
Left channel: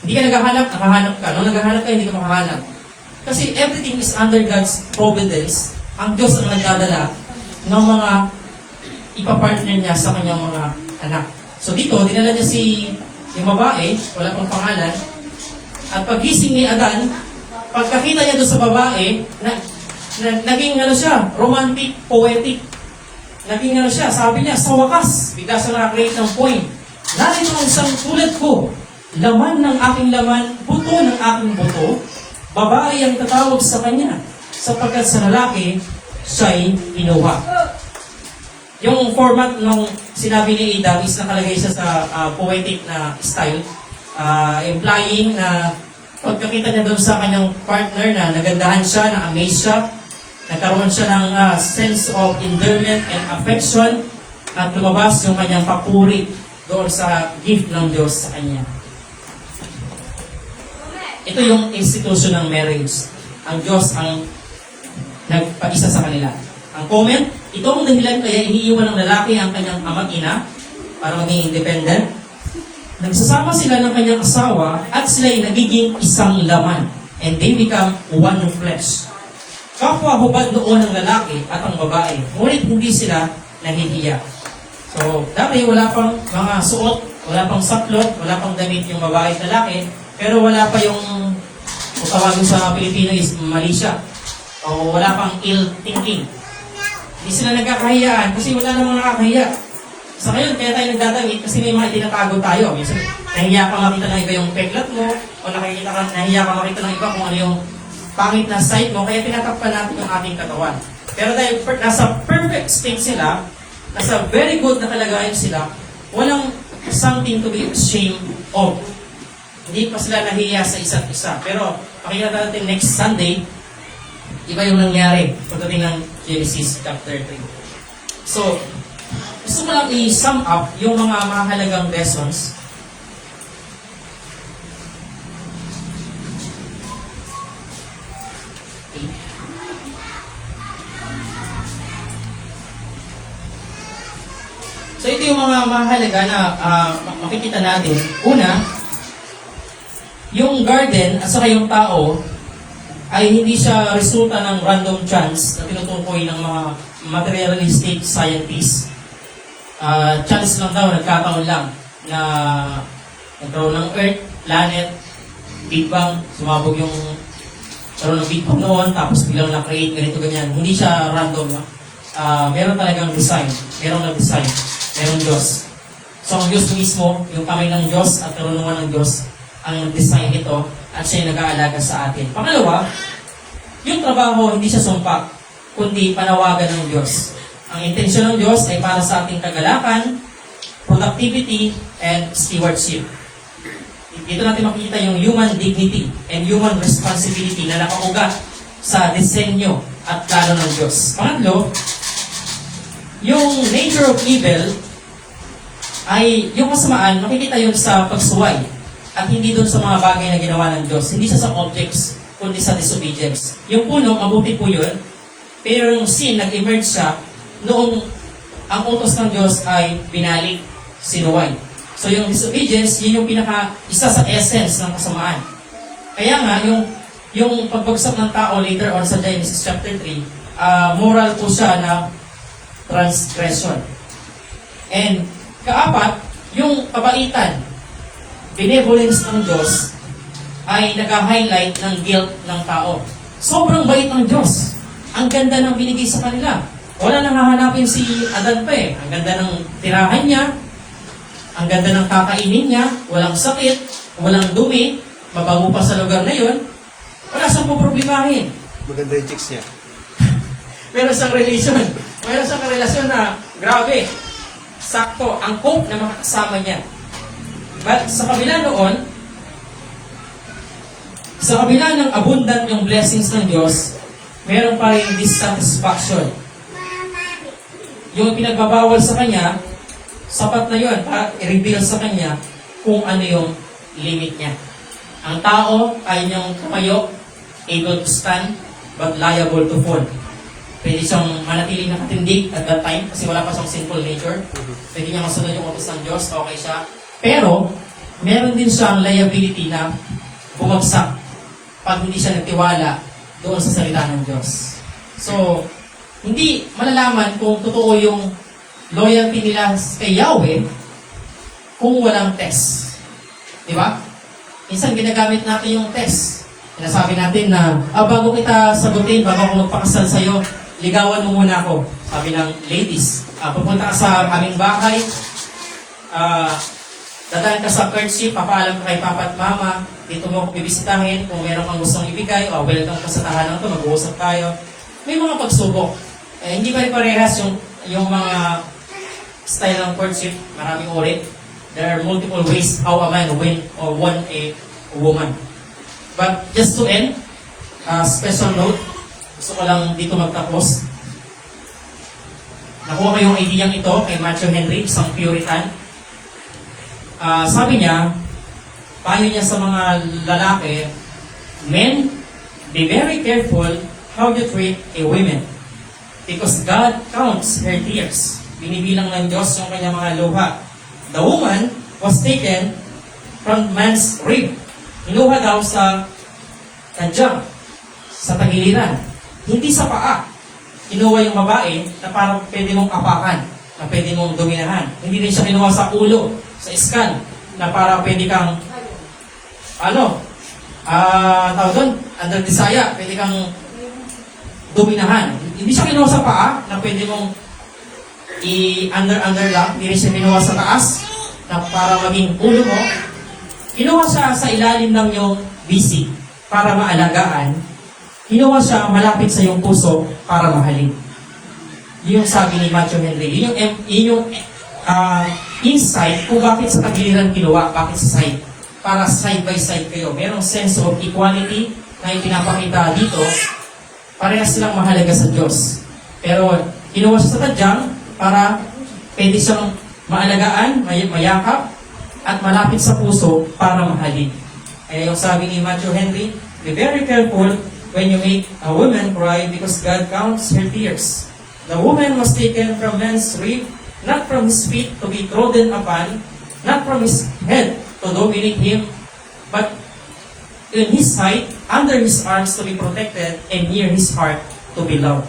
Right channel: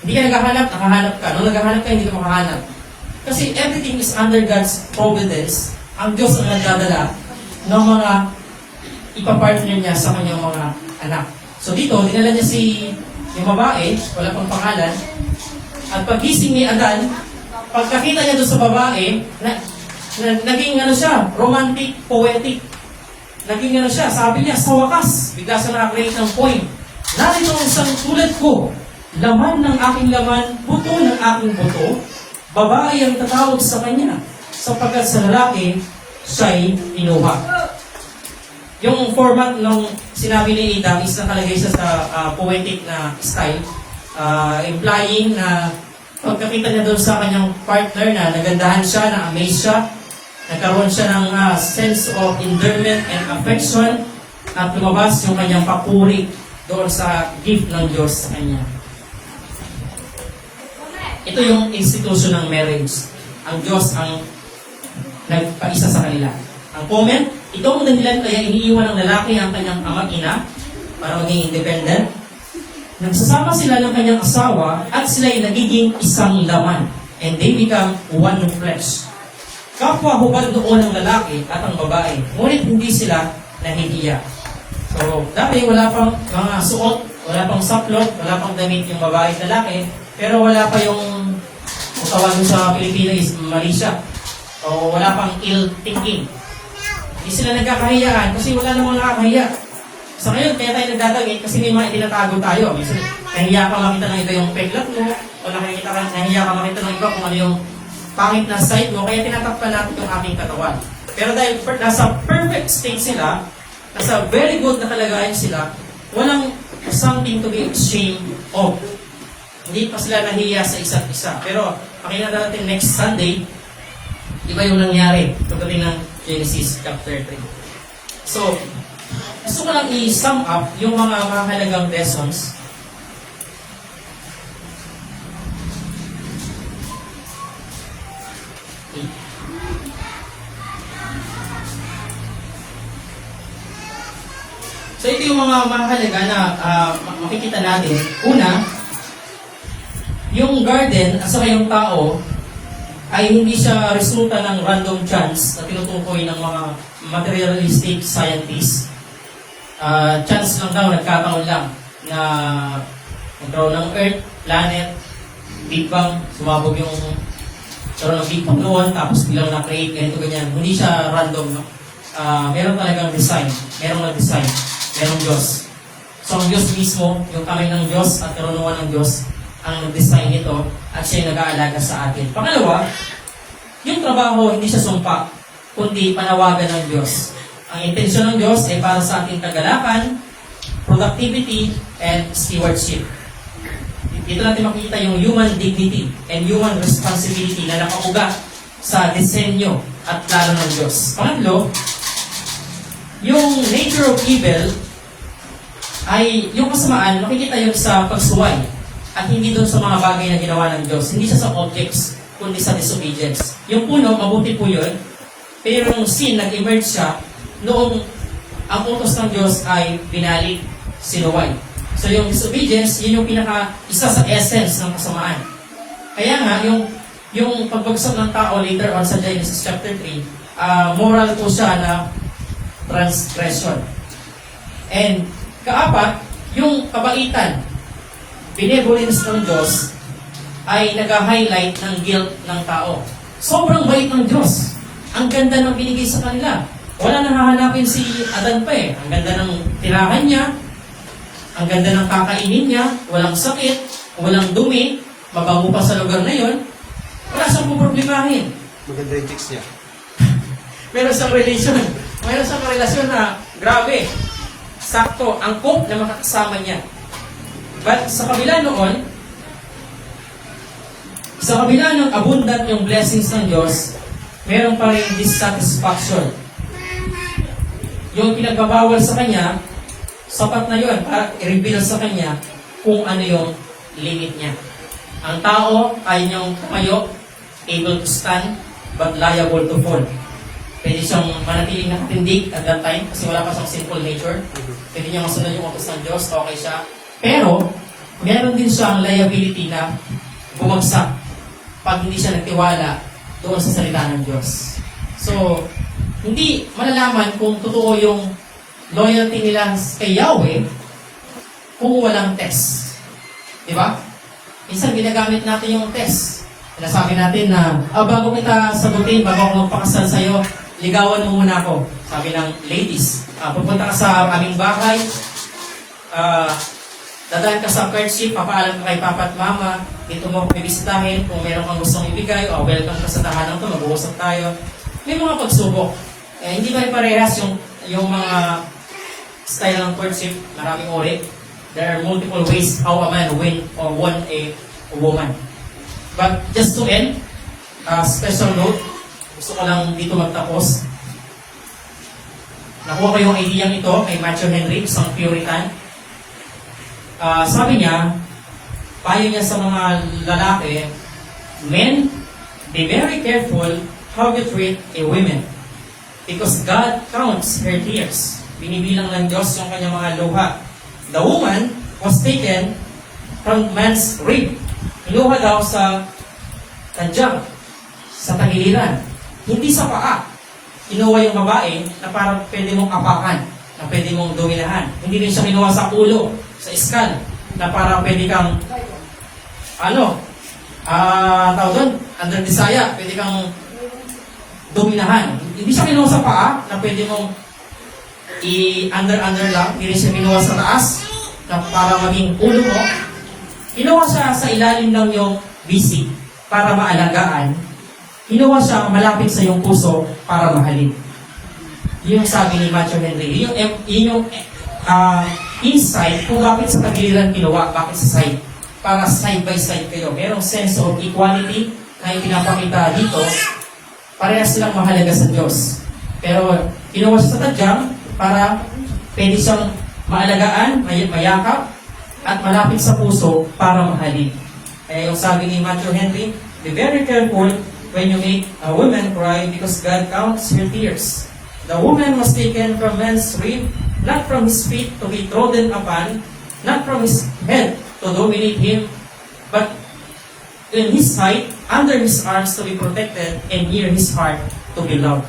Hindi ka naghahanap, nakahanap ka. Nung naghahanap ka, hindi ka makahanap. Kasi everything is under God's providence. Ang Diyos ang nagdadala ng mga ipapartner niya sa kanyang mga anak. So dito, dinala niya yung babae, wala pang pangalan, at pagising ni Adan, pagkakita niya doon sa babae, naging siya, romantic, poetic. Naging siya, sabi niya, sa wakas, bigla sa na-create ng point. Narito ang isang tulad ko, laman ng aking laman, buto ng aking buto, babae ang tatawag sa kanya, sapagkat sa lalaki, siya'y inuha. Yung format ng sinabi ni Adam is nakalagay siya sa poetic na style, implying na pagkakita niya doon sa kanyang partner na nagandahan siya, na-amaze siya, nagkaroon siya ng sense of endearment and affection at lumabas yung kanyang papuri doon sa gift ng Diyos sa kanya. Ito yung institution ng marriage. Ang Diyos ang nagpag-isa sa kanila. Ang comment, ito ang dahilan kaya iniiwan ng lalaki ang kanyang ama't ina para maging independent. Nagsasama sila ng kanyang asawa at sila ay nagiging isang laman. And they become one flesh. Kapwa hubad noon ang lalaki at ang babae. Ngunit hindi sila nahihiya. So, dati wala pang mga suot, wala pang saplot, wala pang damit yung babae at lalaki, pero wala pa yung tawagin sa Pilipino is mali siya. O wala pang ill thinking. Hindi sila nagkakahiyaan kasi wala namang nakakahiya. So ngayon, kaya tayo nagdadamit kasi may mga itinatago tayo. Minsan, nahiya ka makita ng iba yung peklat mo, o nahiya ka makita ng iba kung ano yung pangit na side mo, kaya tinatakpan natin yung aking katawan. Pero dahil nasa perfect state sila, nasa very good na kalagayan sila, walang something to be ashamed of. Hindi pa sila nahiya sa isa't isa. Pero, pakinggan natin next Sunday, iba yung nangyari pagdating ng Genesis chapter 3. So, gusto ko lang i-sum up yung mga mahalagang lessons. Okay. So, ito yung mga mahalaga na makikita natin. Una, yung garden at saka yung tao ay hindi siya resulta ng random chance na tinutukoy ng mga materialistic scientists. chance lang daw, nagkataon lang na nagkaroon ng Earth, planet, Big Bang, sumabog yung karoon ng Big Bang noon, tapos bilang na-create, ganito, ganyan. Hindi siya random, no? Meron talagang design. Merong nag-design. Merong Diyos. So, ang Diyos mismo, yung kamay ng Diyos at karunungan ng Diyos, ang nag-design ito at siya yung nag-aalaga sa atin. Pangalawa, yung trabaho, hindi siya sumpa, kundi panawagan ng Diyos. Ang intensyon ng Diyos ay para sa ating kagalakan, productivity, and stewardship. Dito natin makikita yung human dignity and human responsibility na nakaugat sa disenyo at plano ng Diyos. Pangatlo, yung nature of evil ay yung kasamaan, makikita yun sa pagsuway at hindi doon sa mga bagay na ginawa ng Diyos. Hindi siya sa objects, kundi sa disobedience. Yung puno, mabuti po yun, pero yung sin, nag-emerge siya noong ang utos ng Diyos ay binalik, sinuway. So yung disobedience, yun yung isa sa essence ng kasamaan. Kaya nga, yung pagbagsak ng tao later on sa Genesis chapter 3, moral po siya na transgression. And kaapat, yung kabaitan, benevolence ng Diyos, ay nag-highlight ng guilt ng tao. Sobrang bait ng Diyos. Ang ganda ng binigay sa kanila. Wala nang hahanapin si Adan pa eh. Ang ganda ng tirahan niya, ang ganda ng kakainin niya, walang sakit, walang dumi, mabango pa sa lugar na yun, wala siyang puproblemahin. Maganda yung chicks niya. Meron siyang relasyon na grabe. Sakto, angkop na makakasama niya. But sa kabila noon, sa kabila ng abundant yung blessings ng Diyos, meron pa rin dissatisfaction. Yung pinagbabawal sa kanya, sapat na yun para i-reveal sa kanya kung ano yung limit niya. Ang tao, kaya niyang tumayo, able to stand, but liable to fall. Pwede siyang manatili na katindig at that time kasi wala pa siyang sinful nature. Pwede niya masunod yung utos ng Diyos, okay siya. Pero, meron din siyang liability na bumagsak pag hindi siya nagtiwala doon sa salita ng Diyos. So, hindi malalaman kung totoo yung loyalty nila kay Yahweh kung walang test. Di ba? Minsan ginagamit natin yung test. Sinasabi natin na, bago kita sagutin, bago ako magpakasal sa'yo, ligawan mo muna ako. Sabi ng ladies, pupunta ka sa aming bahay, dadaan ka sa courtship, papaalam ka kay papa at mama, dito mo ako bibisitahin, kung meron kang gustong ibigay, welcome ka sa tahanan ko, mag-uusap tayo. May mga pagsubok. Hindi pa rin parehas yung mga style ng courtship, maraming uri. There are multiple ways how a man win or won a woman. But just to end, special note, gusto ko lang dito magtapos. Nakuha ko yung ideyang ito kay Matthew Henry, isang Puritan. Sabi niya, payo niya sa mga lalaki, men, be very careful how you treat a woman. Because God counts her tears. Binibilang ng Diyos yung kanyang mga luha. The woman was taken from man's rib. Inuha daw sa tadyang, sa tagiliran. Hindi sa paa. Inuha yung babae na parang pwede mong apakan, na pwede mong dominahan. Hindi rin siya kinuha sa ulo, sa skull, na parang pwede kang, tawag doon, under desire, pwede kang dominahan. Hindi siya kinuha sa paa, na pwede mong i-under lang, hindi rin siya kinuha sa taas, na para maging ulo mo. Kinuha siya sa ilalim ng yung bisi para maalagaan. Kinuha siya malapit sa iyong puso para mahalin. Yung sabi ni Matthew Henry. Yung insight kung bakit sa tagiliran kinuha, bakit sa side. Para side by side kayo. Merong sense of equality na ipinapakita dito. Parehas silang mahalaga sa Diyos. Pero kinuha siya sa tadyang para pwede siyang maalagaan, mayakap, at malapit sa puso para mahalin. Kaya yung sabi ni Matthew Henry, be very careful when you make a woman cry because God counts her tears. The woman was taken from man's rib, not from his feet to be trodden upon, not from his head to dominate him, but in his side, under his arms to be protected, and near his heart to be loved.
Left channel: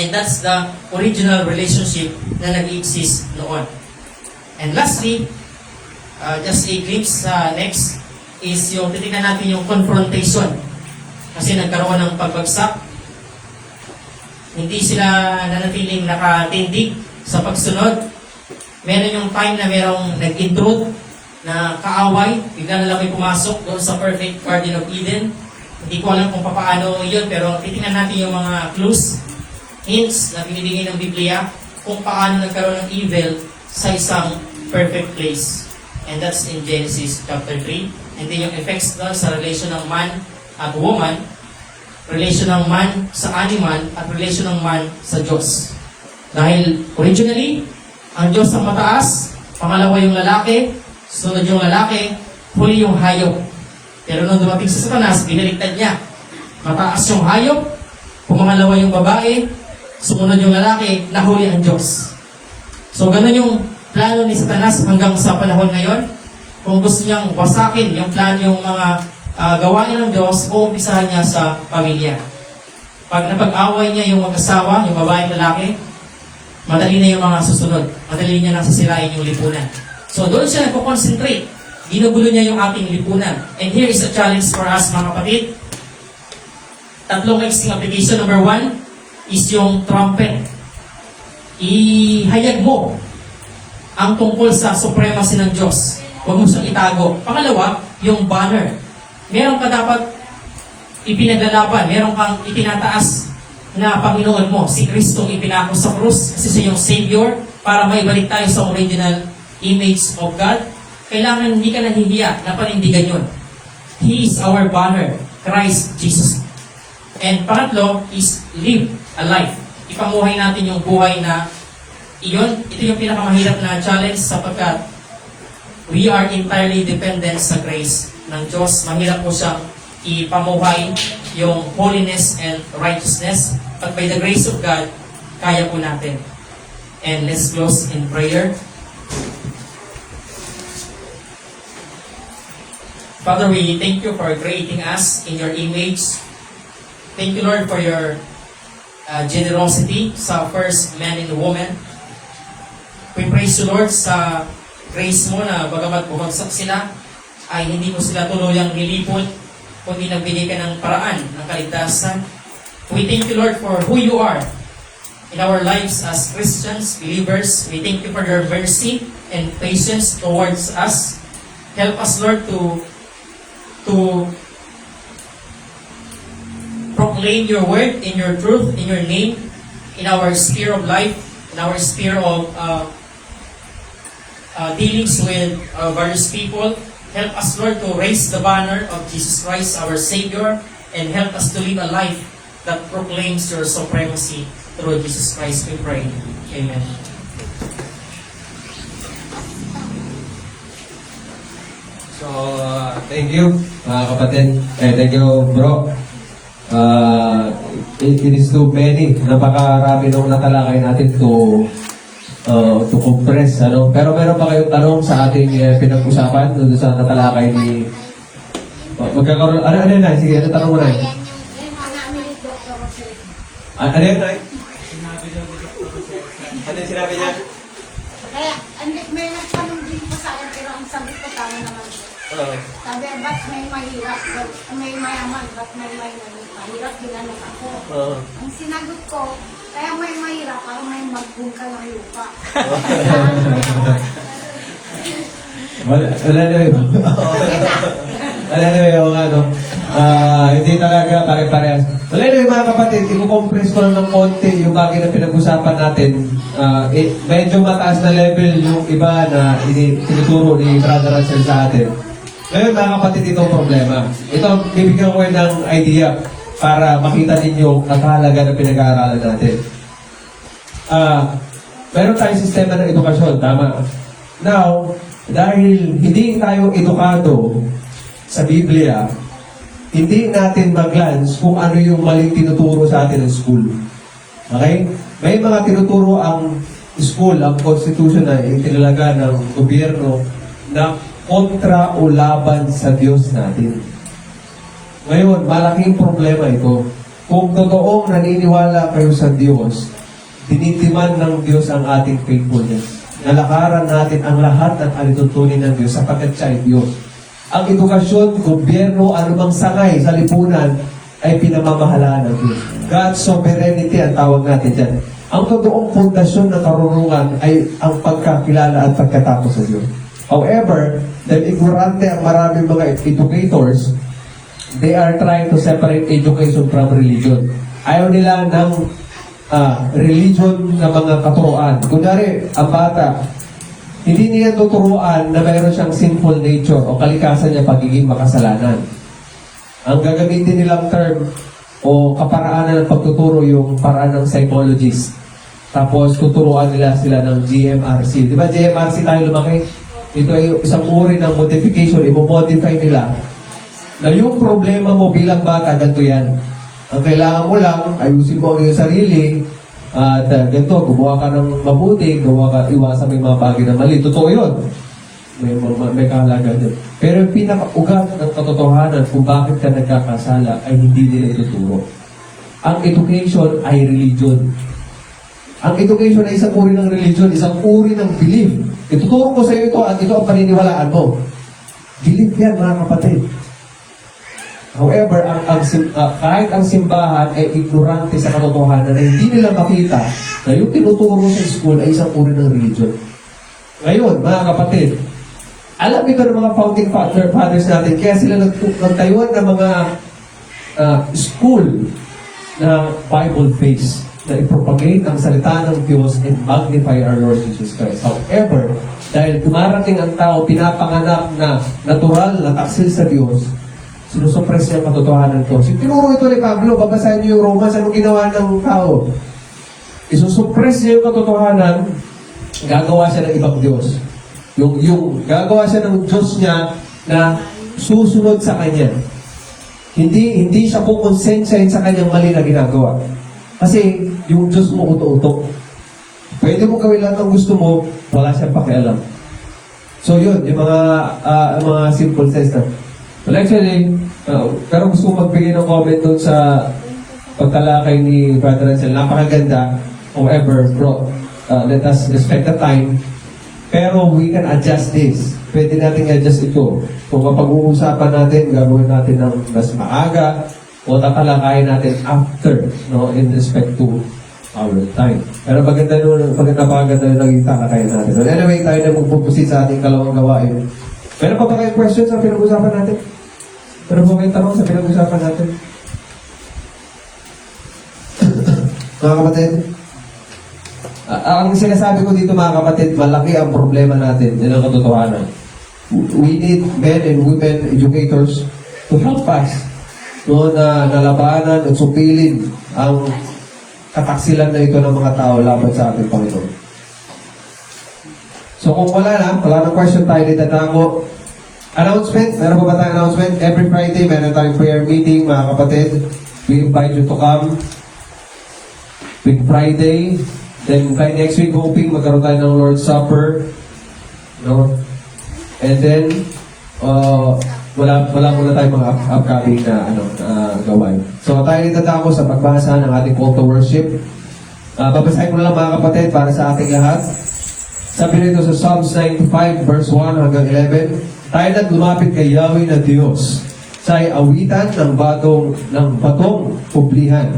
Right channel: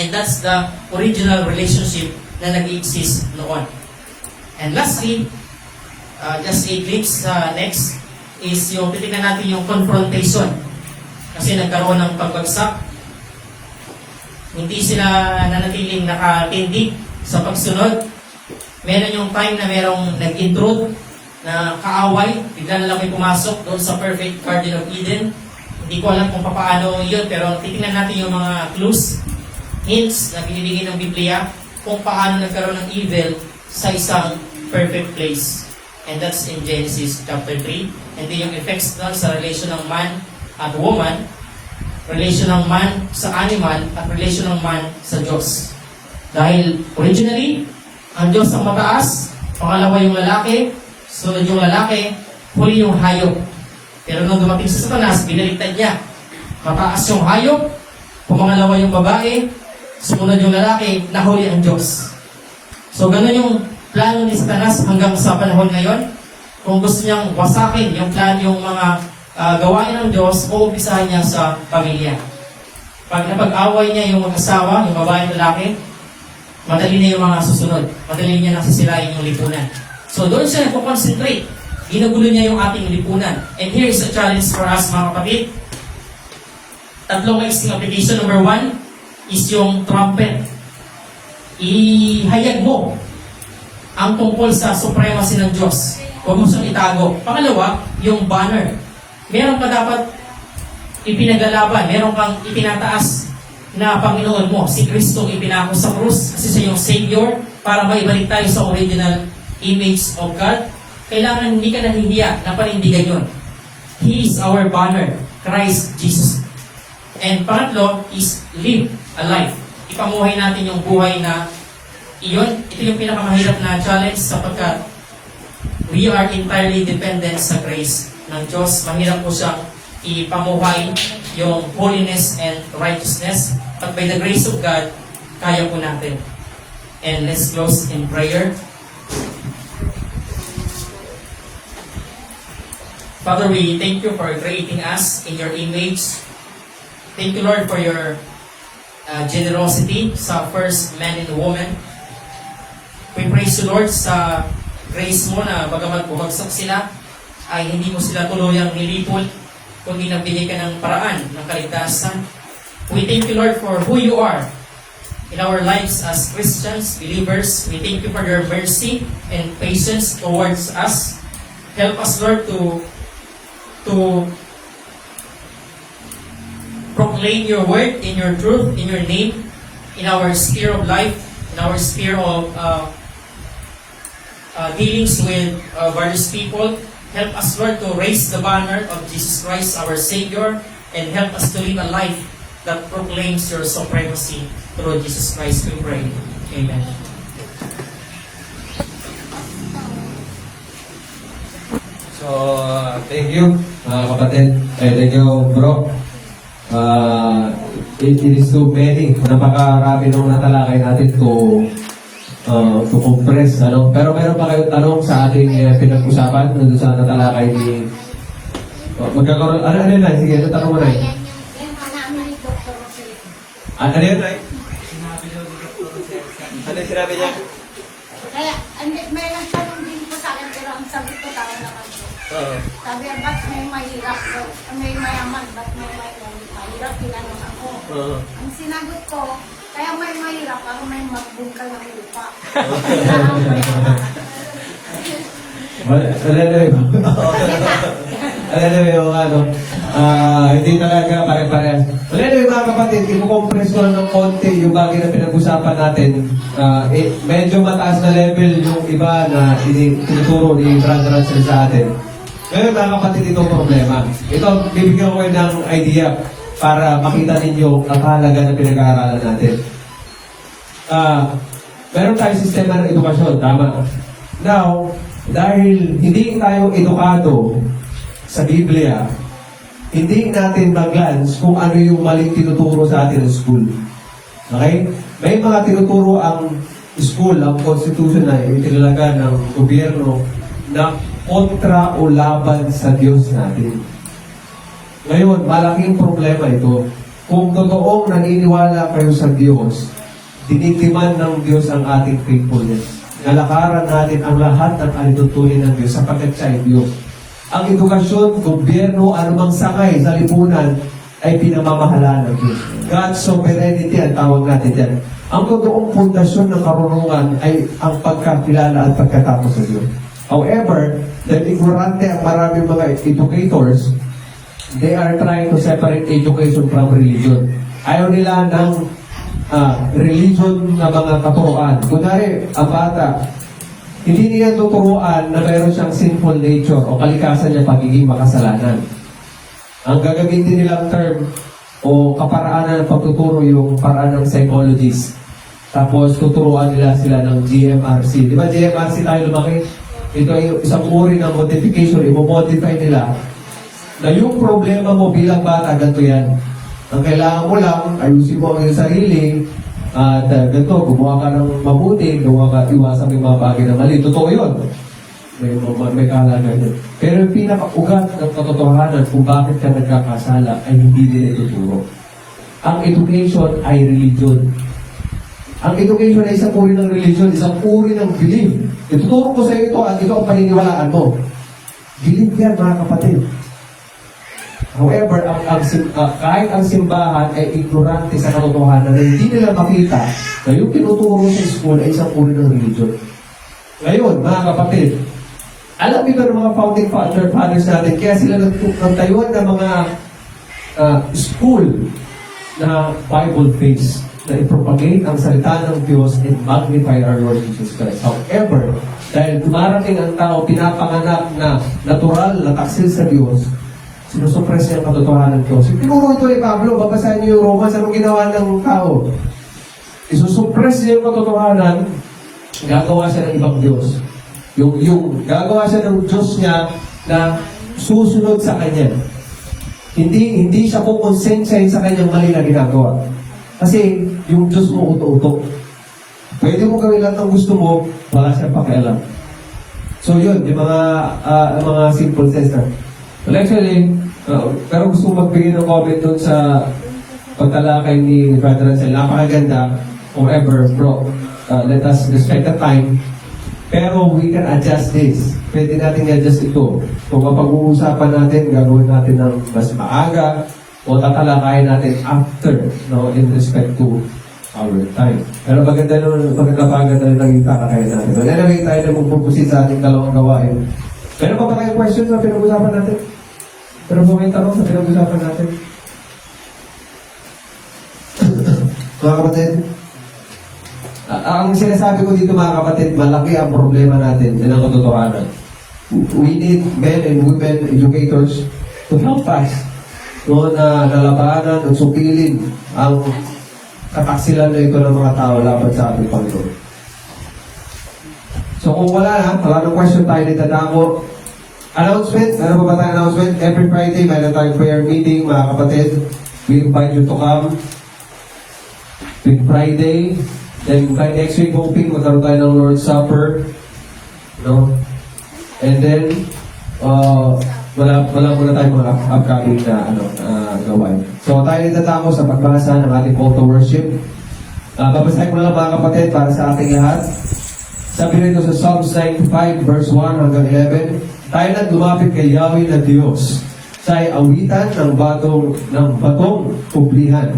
And that's the original relationship na nag-exist noon. And lastly, just a glimpse next is yung titignan natin yung confrontation. Kasi nagkaroon ng pagbagsak. Hindi sila nanatiling nakatindig sa pagsunod. Meron yung time na merong nag-intrude na kaaway, bigla na lang may pumasok doon sa perfect Garden of Eden. Hindi ko alam kung paano yun, pero titignan natin yung mga clues, hints na binibigay ng Biblia kung paano nagkaroon ng evil sa isang perfect place. And that's in Genesis chapter 3. And then yung effects doon sa relation ng man at woman, relation ng man sa animal, at relation ng man sa Diyos. Dahil originally, ang Diyos ang mataas, pangalawa yung lalaki, sunod yung lalaki, huli yung hayop. Pero nung dumating sa Satanas, binaliktad niya. Mataas yung hayop, pumangalawa yung babae, sumunod yung lalaki, nahuli ang Diyos. So ganun yung plano ni Satanas hanggang sa panahon ngayon. Kung gusto niyang wasakin yung plano, yung mga gawain ng Diyos, uumpisahan niya sa pamilya. Pag napag-away niya yung mag-asawa, yung babae at lalaki, madali na yung mga susunod. Madali niya nang sisirain yung lipunan. So doon siya nagpo-concentrate. Ginugulo niya yung ating lipunan. And here is a challenge for us, mga kapatid. Tatlong mixing application. Number 1 is yung trumpet. Ihayag mo ang tungkol sa supremacy ng Diyos. Huwag mo siyang itago. Pangalawa, yung banner. Meron ka dapat ipinaglalaban. Meron kang itinataas na Panginoon mo. Si Kristong ipinako sa krus kasi siya yung Savior para maibalik tayo sa original image of God. Kailangan hindi ka nahihiya na panindigan yun. He is our banner, Christ Jesus. And pangatlo is live a life. Ipamuhay natin yung buhay na iyon. Ito yung pinakamahirap na challenge sapagkat we are entirely dependent sa grace ng Diyos. Mahirap po siyang ipamuhay yung holiness and righteousness. At by the grace of God, kaya po natin. And let's close in prayer. Father, we thank you for creating us in your image. Thank you, Lord, for your generosity sa first man and woman. We praise you, Lord, sa grace mo na bagamat bumagsak sila, ay hindi mo sila tuluyang nilipol, kundi nagbigay ka ng paraan ng kaligtasan. We thank you, Lord, for who you are in our lives as Christians, believers. We thank you for your mercy and patience towards us. Help us, Lord, to proclaim your word in your truth, in your name, in our sphere of life, in our sphere of dealings with various people. Help us, Lord, to raise the banner of Jesus Christ, our Savior, and help us to lead a life that proclaims your supremacy through Jesus Christ, we pray. Amen. So, thank you, mga kapatid. Thank you, bro. It is too many. Napakarami nung natalakay natin to compress. Ano? Pero meron pa kayong tanong sa ating pinag-usapan doon sa natalakay ni... magkakaroon... Ano yun, Nay? Sige, tanong mo, Nay. Ano yun, Nay? Ano yung sinabi niya? Kaya, may nagtanong din po sa akin, pero ang sagot ko tayo naman po. Sabi, ba't may mahirap? May mayaman, ba't may mahirap? Tinanong ako. Ang sinagot ko, kaya may mahirap, parang may magbungka ng lupa. Hindi talaga pare-parehas. Anyway, mga kapatid, i-compress ko lang ng konti yung bagay na pinag-usapan natin. Medyo mataas na level yung iba na tinuturo ni Brother Russell sa atin. Ngayon, mga kapatid, ito ang problema. Ito, bibigyan ko ng idea para makita ninyo ang kahalaga ng pinag-aaralan natin. Meron tayong sistema ng edukasyon, tama? Now, dahil hindi tayo edukado sa Biblia, hindi natin mag-glance kung ano yung maling tinuturo sa atin ng school. Okay? May mga tinuturo ang school, ang constitution na itinalaga ng gobyerno na kontra o laban sa Diyos natin. Ngayon, malaking problema ito. Kung totoong naniniwala kayo sa Diyos, dinitiman ng Diyos ang ating faithfulness. Nalakaran natin ang lahat ng alitutunin ng Diyos sapagkat siya ay Diyos. Ang edukasyon, gobyerno, anumang sakay sa lipunan ay pinamamahalaan ng Diyos. God's sovereignty ang tawag natin dyan. Ang totoong pundasyon ng karunungan ay ang pagkakilala at pagkatapos sa Diyos. However, dahil ignorante ang maraming mga educators, they are trying to separate education from religion. Ayaw nila ng religion na mga katuruan. Kunyari, ang bata, hindi niya tuturuan na mayroon siyang sinful nature o kalikasan niya pagiging makasalanan. Ang gagamitin nilang term o kaparaanan ng pagtuturo yung paraan ng psychologist. Tapos tuturuan nila sila ng GMRC. Di ba GMRC tayo lumaki? Ito ay isang uri ng modification. I-modify nila na yung problema mo bilang bata, ganito yan. Ang kailangan mo lang, ayusin mo ang iyong sarili, at ganito, gumawa ka ng mabuti, iwasan mo yung mga bagay na mali. Totoo yun. May kahalaga yun. Pero yung pinaka-ugat ng katotohanan kung bakit ka nagkakasala ay hindi nila ituturo. Ang education ay religion. Ang education ay isang uri ng religion, isang uri ng belief. Ituturo ko sa iyo ito at ito ang paniniwalaan mo. Belief yan, mga kapatid. However, kahit ang simbahan ay ignorante sa katotohanan na hindi nila makita na yung tinuturo sa school ay isang uri ng religion. Ngayon, mga kapatid, alam ito ng mga founding fathers natin, kaya sila nagtayuan ng mga school na Bible-based na i-propagate ang salita ng Diyos and magnify our Lord Jesus Christ. However, dahil dumarating ang tao, pinapanganak na natural na taksil sa Diyos, sinusuppress niya ang katotohanan ng Diyos. Yung tinuro ito ni Pablo, babasahin niyo yung Romans, anong ginawa ng tao? Isusuppress niya yung katotohanan, gagawa siya ng ibang Diyos. Yung gagawa siya ng Diyos niya na susunod sa kanya. Hindi siya kukonsensyahin sa kanyang mali na ginagawa. Kasi yung Diyos mo uto-uto. Pwede mo gawin lang ang gusto mo, wala siyang pakialam. So yun, yung mga simple sense na. Well, actually, pero gusto ko magbigay ng comment doon sa pagtalakay ni Brother Ansel. Napakaganda. However, bro, let us respect the time. Pero we can adjust this. Pwede natin adjust ito. Kung kapag-uusapan natin, gagawin natin ng mas maaga o tatalakayin natin after, no, in respect to our time. Pero maganda yung naging talakayin natin. But anyway, tayo na magpupusit sa ating dalawang gawain. Meron pa ba kayong questions sa pinag-usapan natin? Meron pa kayong tanong sa pinag-usapan natin? Mga kapatid, ang sinasabi ko dito mga kapatid, malaki ang problema natin. Yan ang katotohanan. We need men and women educators to help us na nalabanan at supilin ang kataksilan na ito ng mga tao laban sa ating Panginoon. So kung wala ng question tayo dito dako. Announcement, meron pa ba tayong announcement? Every Friday, meron tayong prayer meeting, mga kapatid. We invite you to come. Big Friday. Then by next week, hoping magkaroon tayo ng Lord's Supper. No? And then, wala muna tayong mga upcoming na gawain. So tayo nagtatapos sa pagbasa ng ating call to worship. Babasahin ko lang mga kapatid para sa ating lahat. Sabi nito sa Psalms 95 verse 1 hanggang 11, tayo na't lumapit kay Yahweh na Diyos sa awitan ng batong publihan.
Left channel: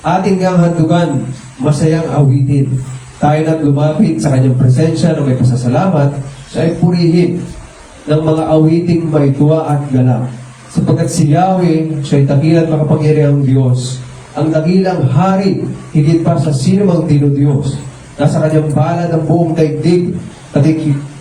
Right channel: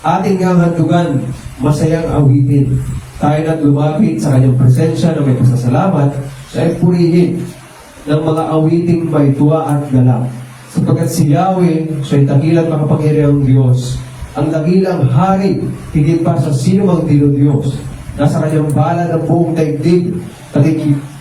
Ating ngang handugan, masayang awitin. Tayo na't lumapit sa kanyang presensya na may pasasalamat sa purihin ng mga awiting may tuwa at galak. Sapagkat si Yahweh, siya'y dakilang makapangyarihang Diyos, ang dakilang hari, higit pa sa sinumang dinudiyos. Nasa kanyang balad ang buong daigdig,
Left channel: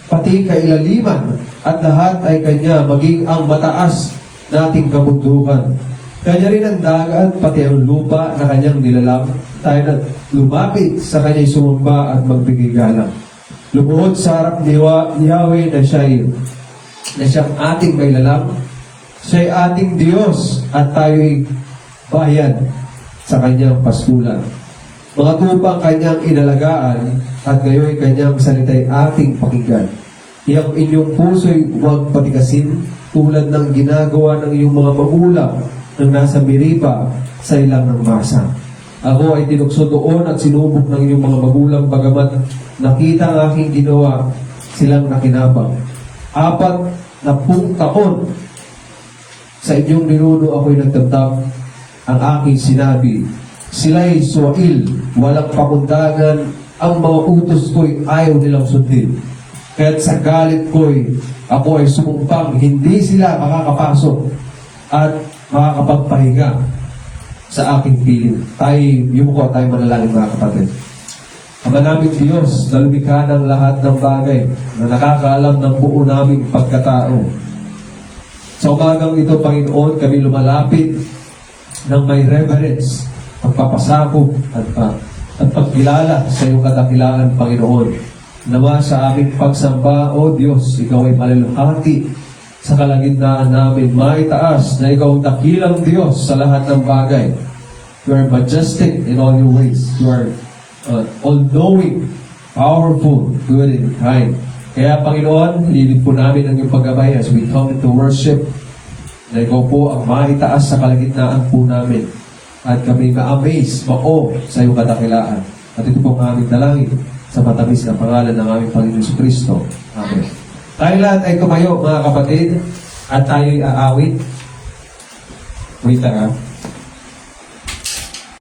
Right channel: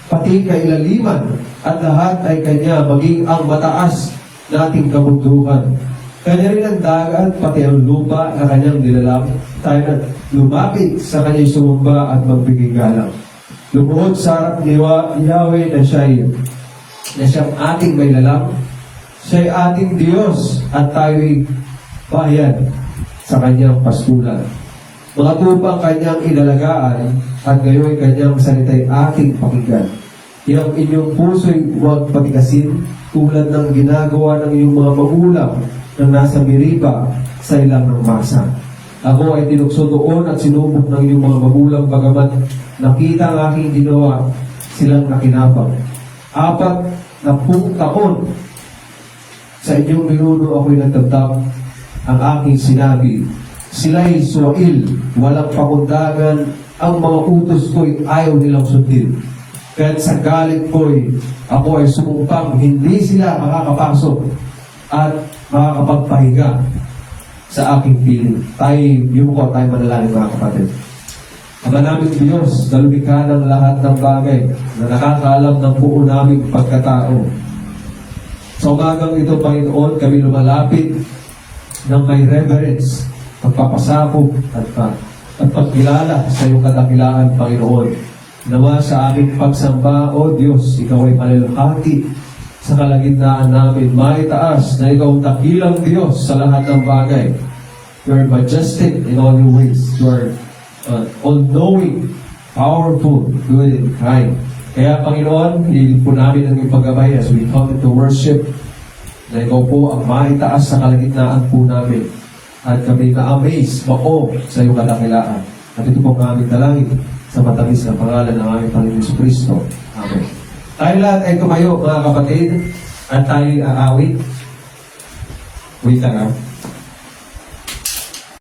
pati kailaliman, at lahat ay kanya, maging ang mataas nating kabundukan. Kanya rin ang dagat, pati ang lupa na kanyang nilalang. Tayo na lumapit sa kanya'y sumamba at magbigay galang. Lumuhod sa harap ni Yahweh na siyang ating may lalang. Siya'y ating Diyos at tayo'y bayan sa kanyang pastulan. Mga tupang kanyang inalagaan at gayo'y kanyang salita'y ating pakinggan. Iyang inyong puso'y huwag patigasin tulad ng ginagawa ng inyong mga magulang nang nasa Meriba sa ilang ng masa. Ako ay tinukso doon at sinubok ng inyong mga magulang bagamat nakita ang aking ginawa, silang nakinabang. 40 taon sa inyong ninuno ako'y nagdamdam ang aking sinabi. Sila'y suwail, walang pakundangan, ang mga utos ko'y ayaw nilang sundin. Kaya't sa galit ko'y ako ay sumumpang hindi sila makakapasok at makakapagpahinga sa aking piling. Yumuko tayo manalangin mga kapatid. Ama naming Diyos na lumikha ng lahat ng bagay na nakakaalam ng buo naming pagkatao. Sa umagang ito, Panginoon, kami lumalapit ng may reverence, pagpapasakop at pagkilala sa iyong kadakilaan, Panginoon. Nawa sa aming pagsamba, O Diyos, Ikaw ay malulukati sa kalagitnaan namin, maitaas na Ikaw ang dakilang Diyos sa lahat ng bagay. You are majestic in all your ways. You are all-knowing, powerful, good, and kind. Kaya, Panginoon, hililin po namin ang iyong paggabay as we come into worship na Ikaw po ang maitaas sa kalagitnaan po namin. At kami ma-amaze, ma-o sa iyong kadakilaan. At ito po ang aming dalangin sa matamis na pangalan ng aming Panginoon Kristo. Amen. Tayo lahat ay tumayo, mga kapatid, at tayo aawit. Wait lang,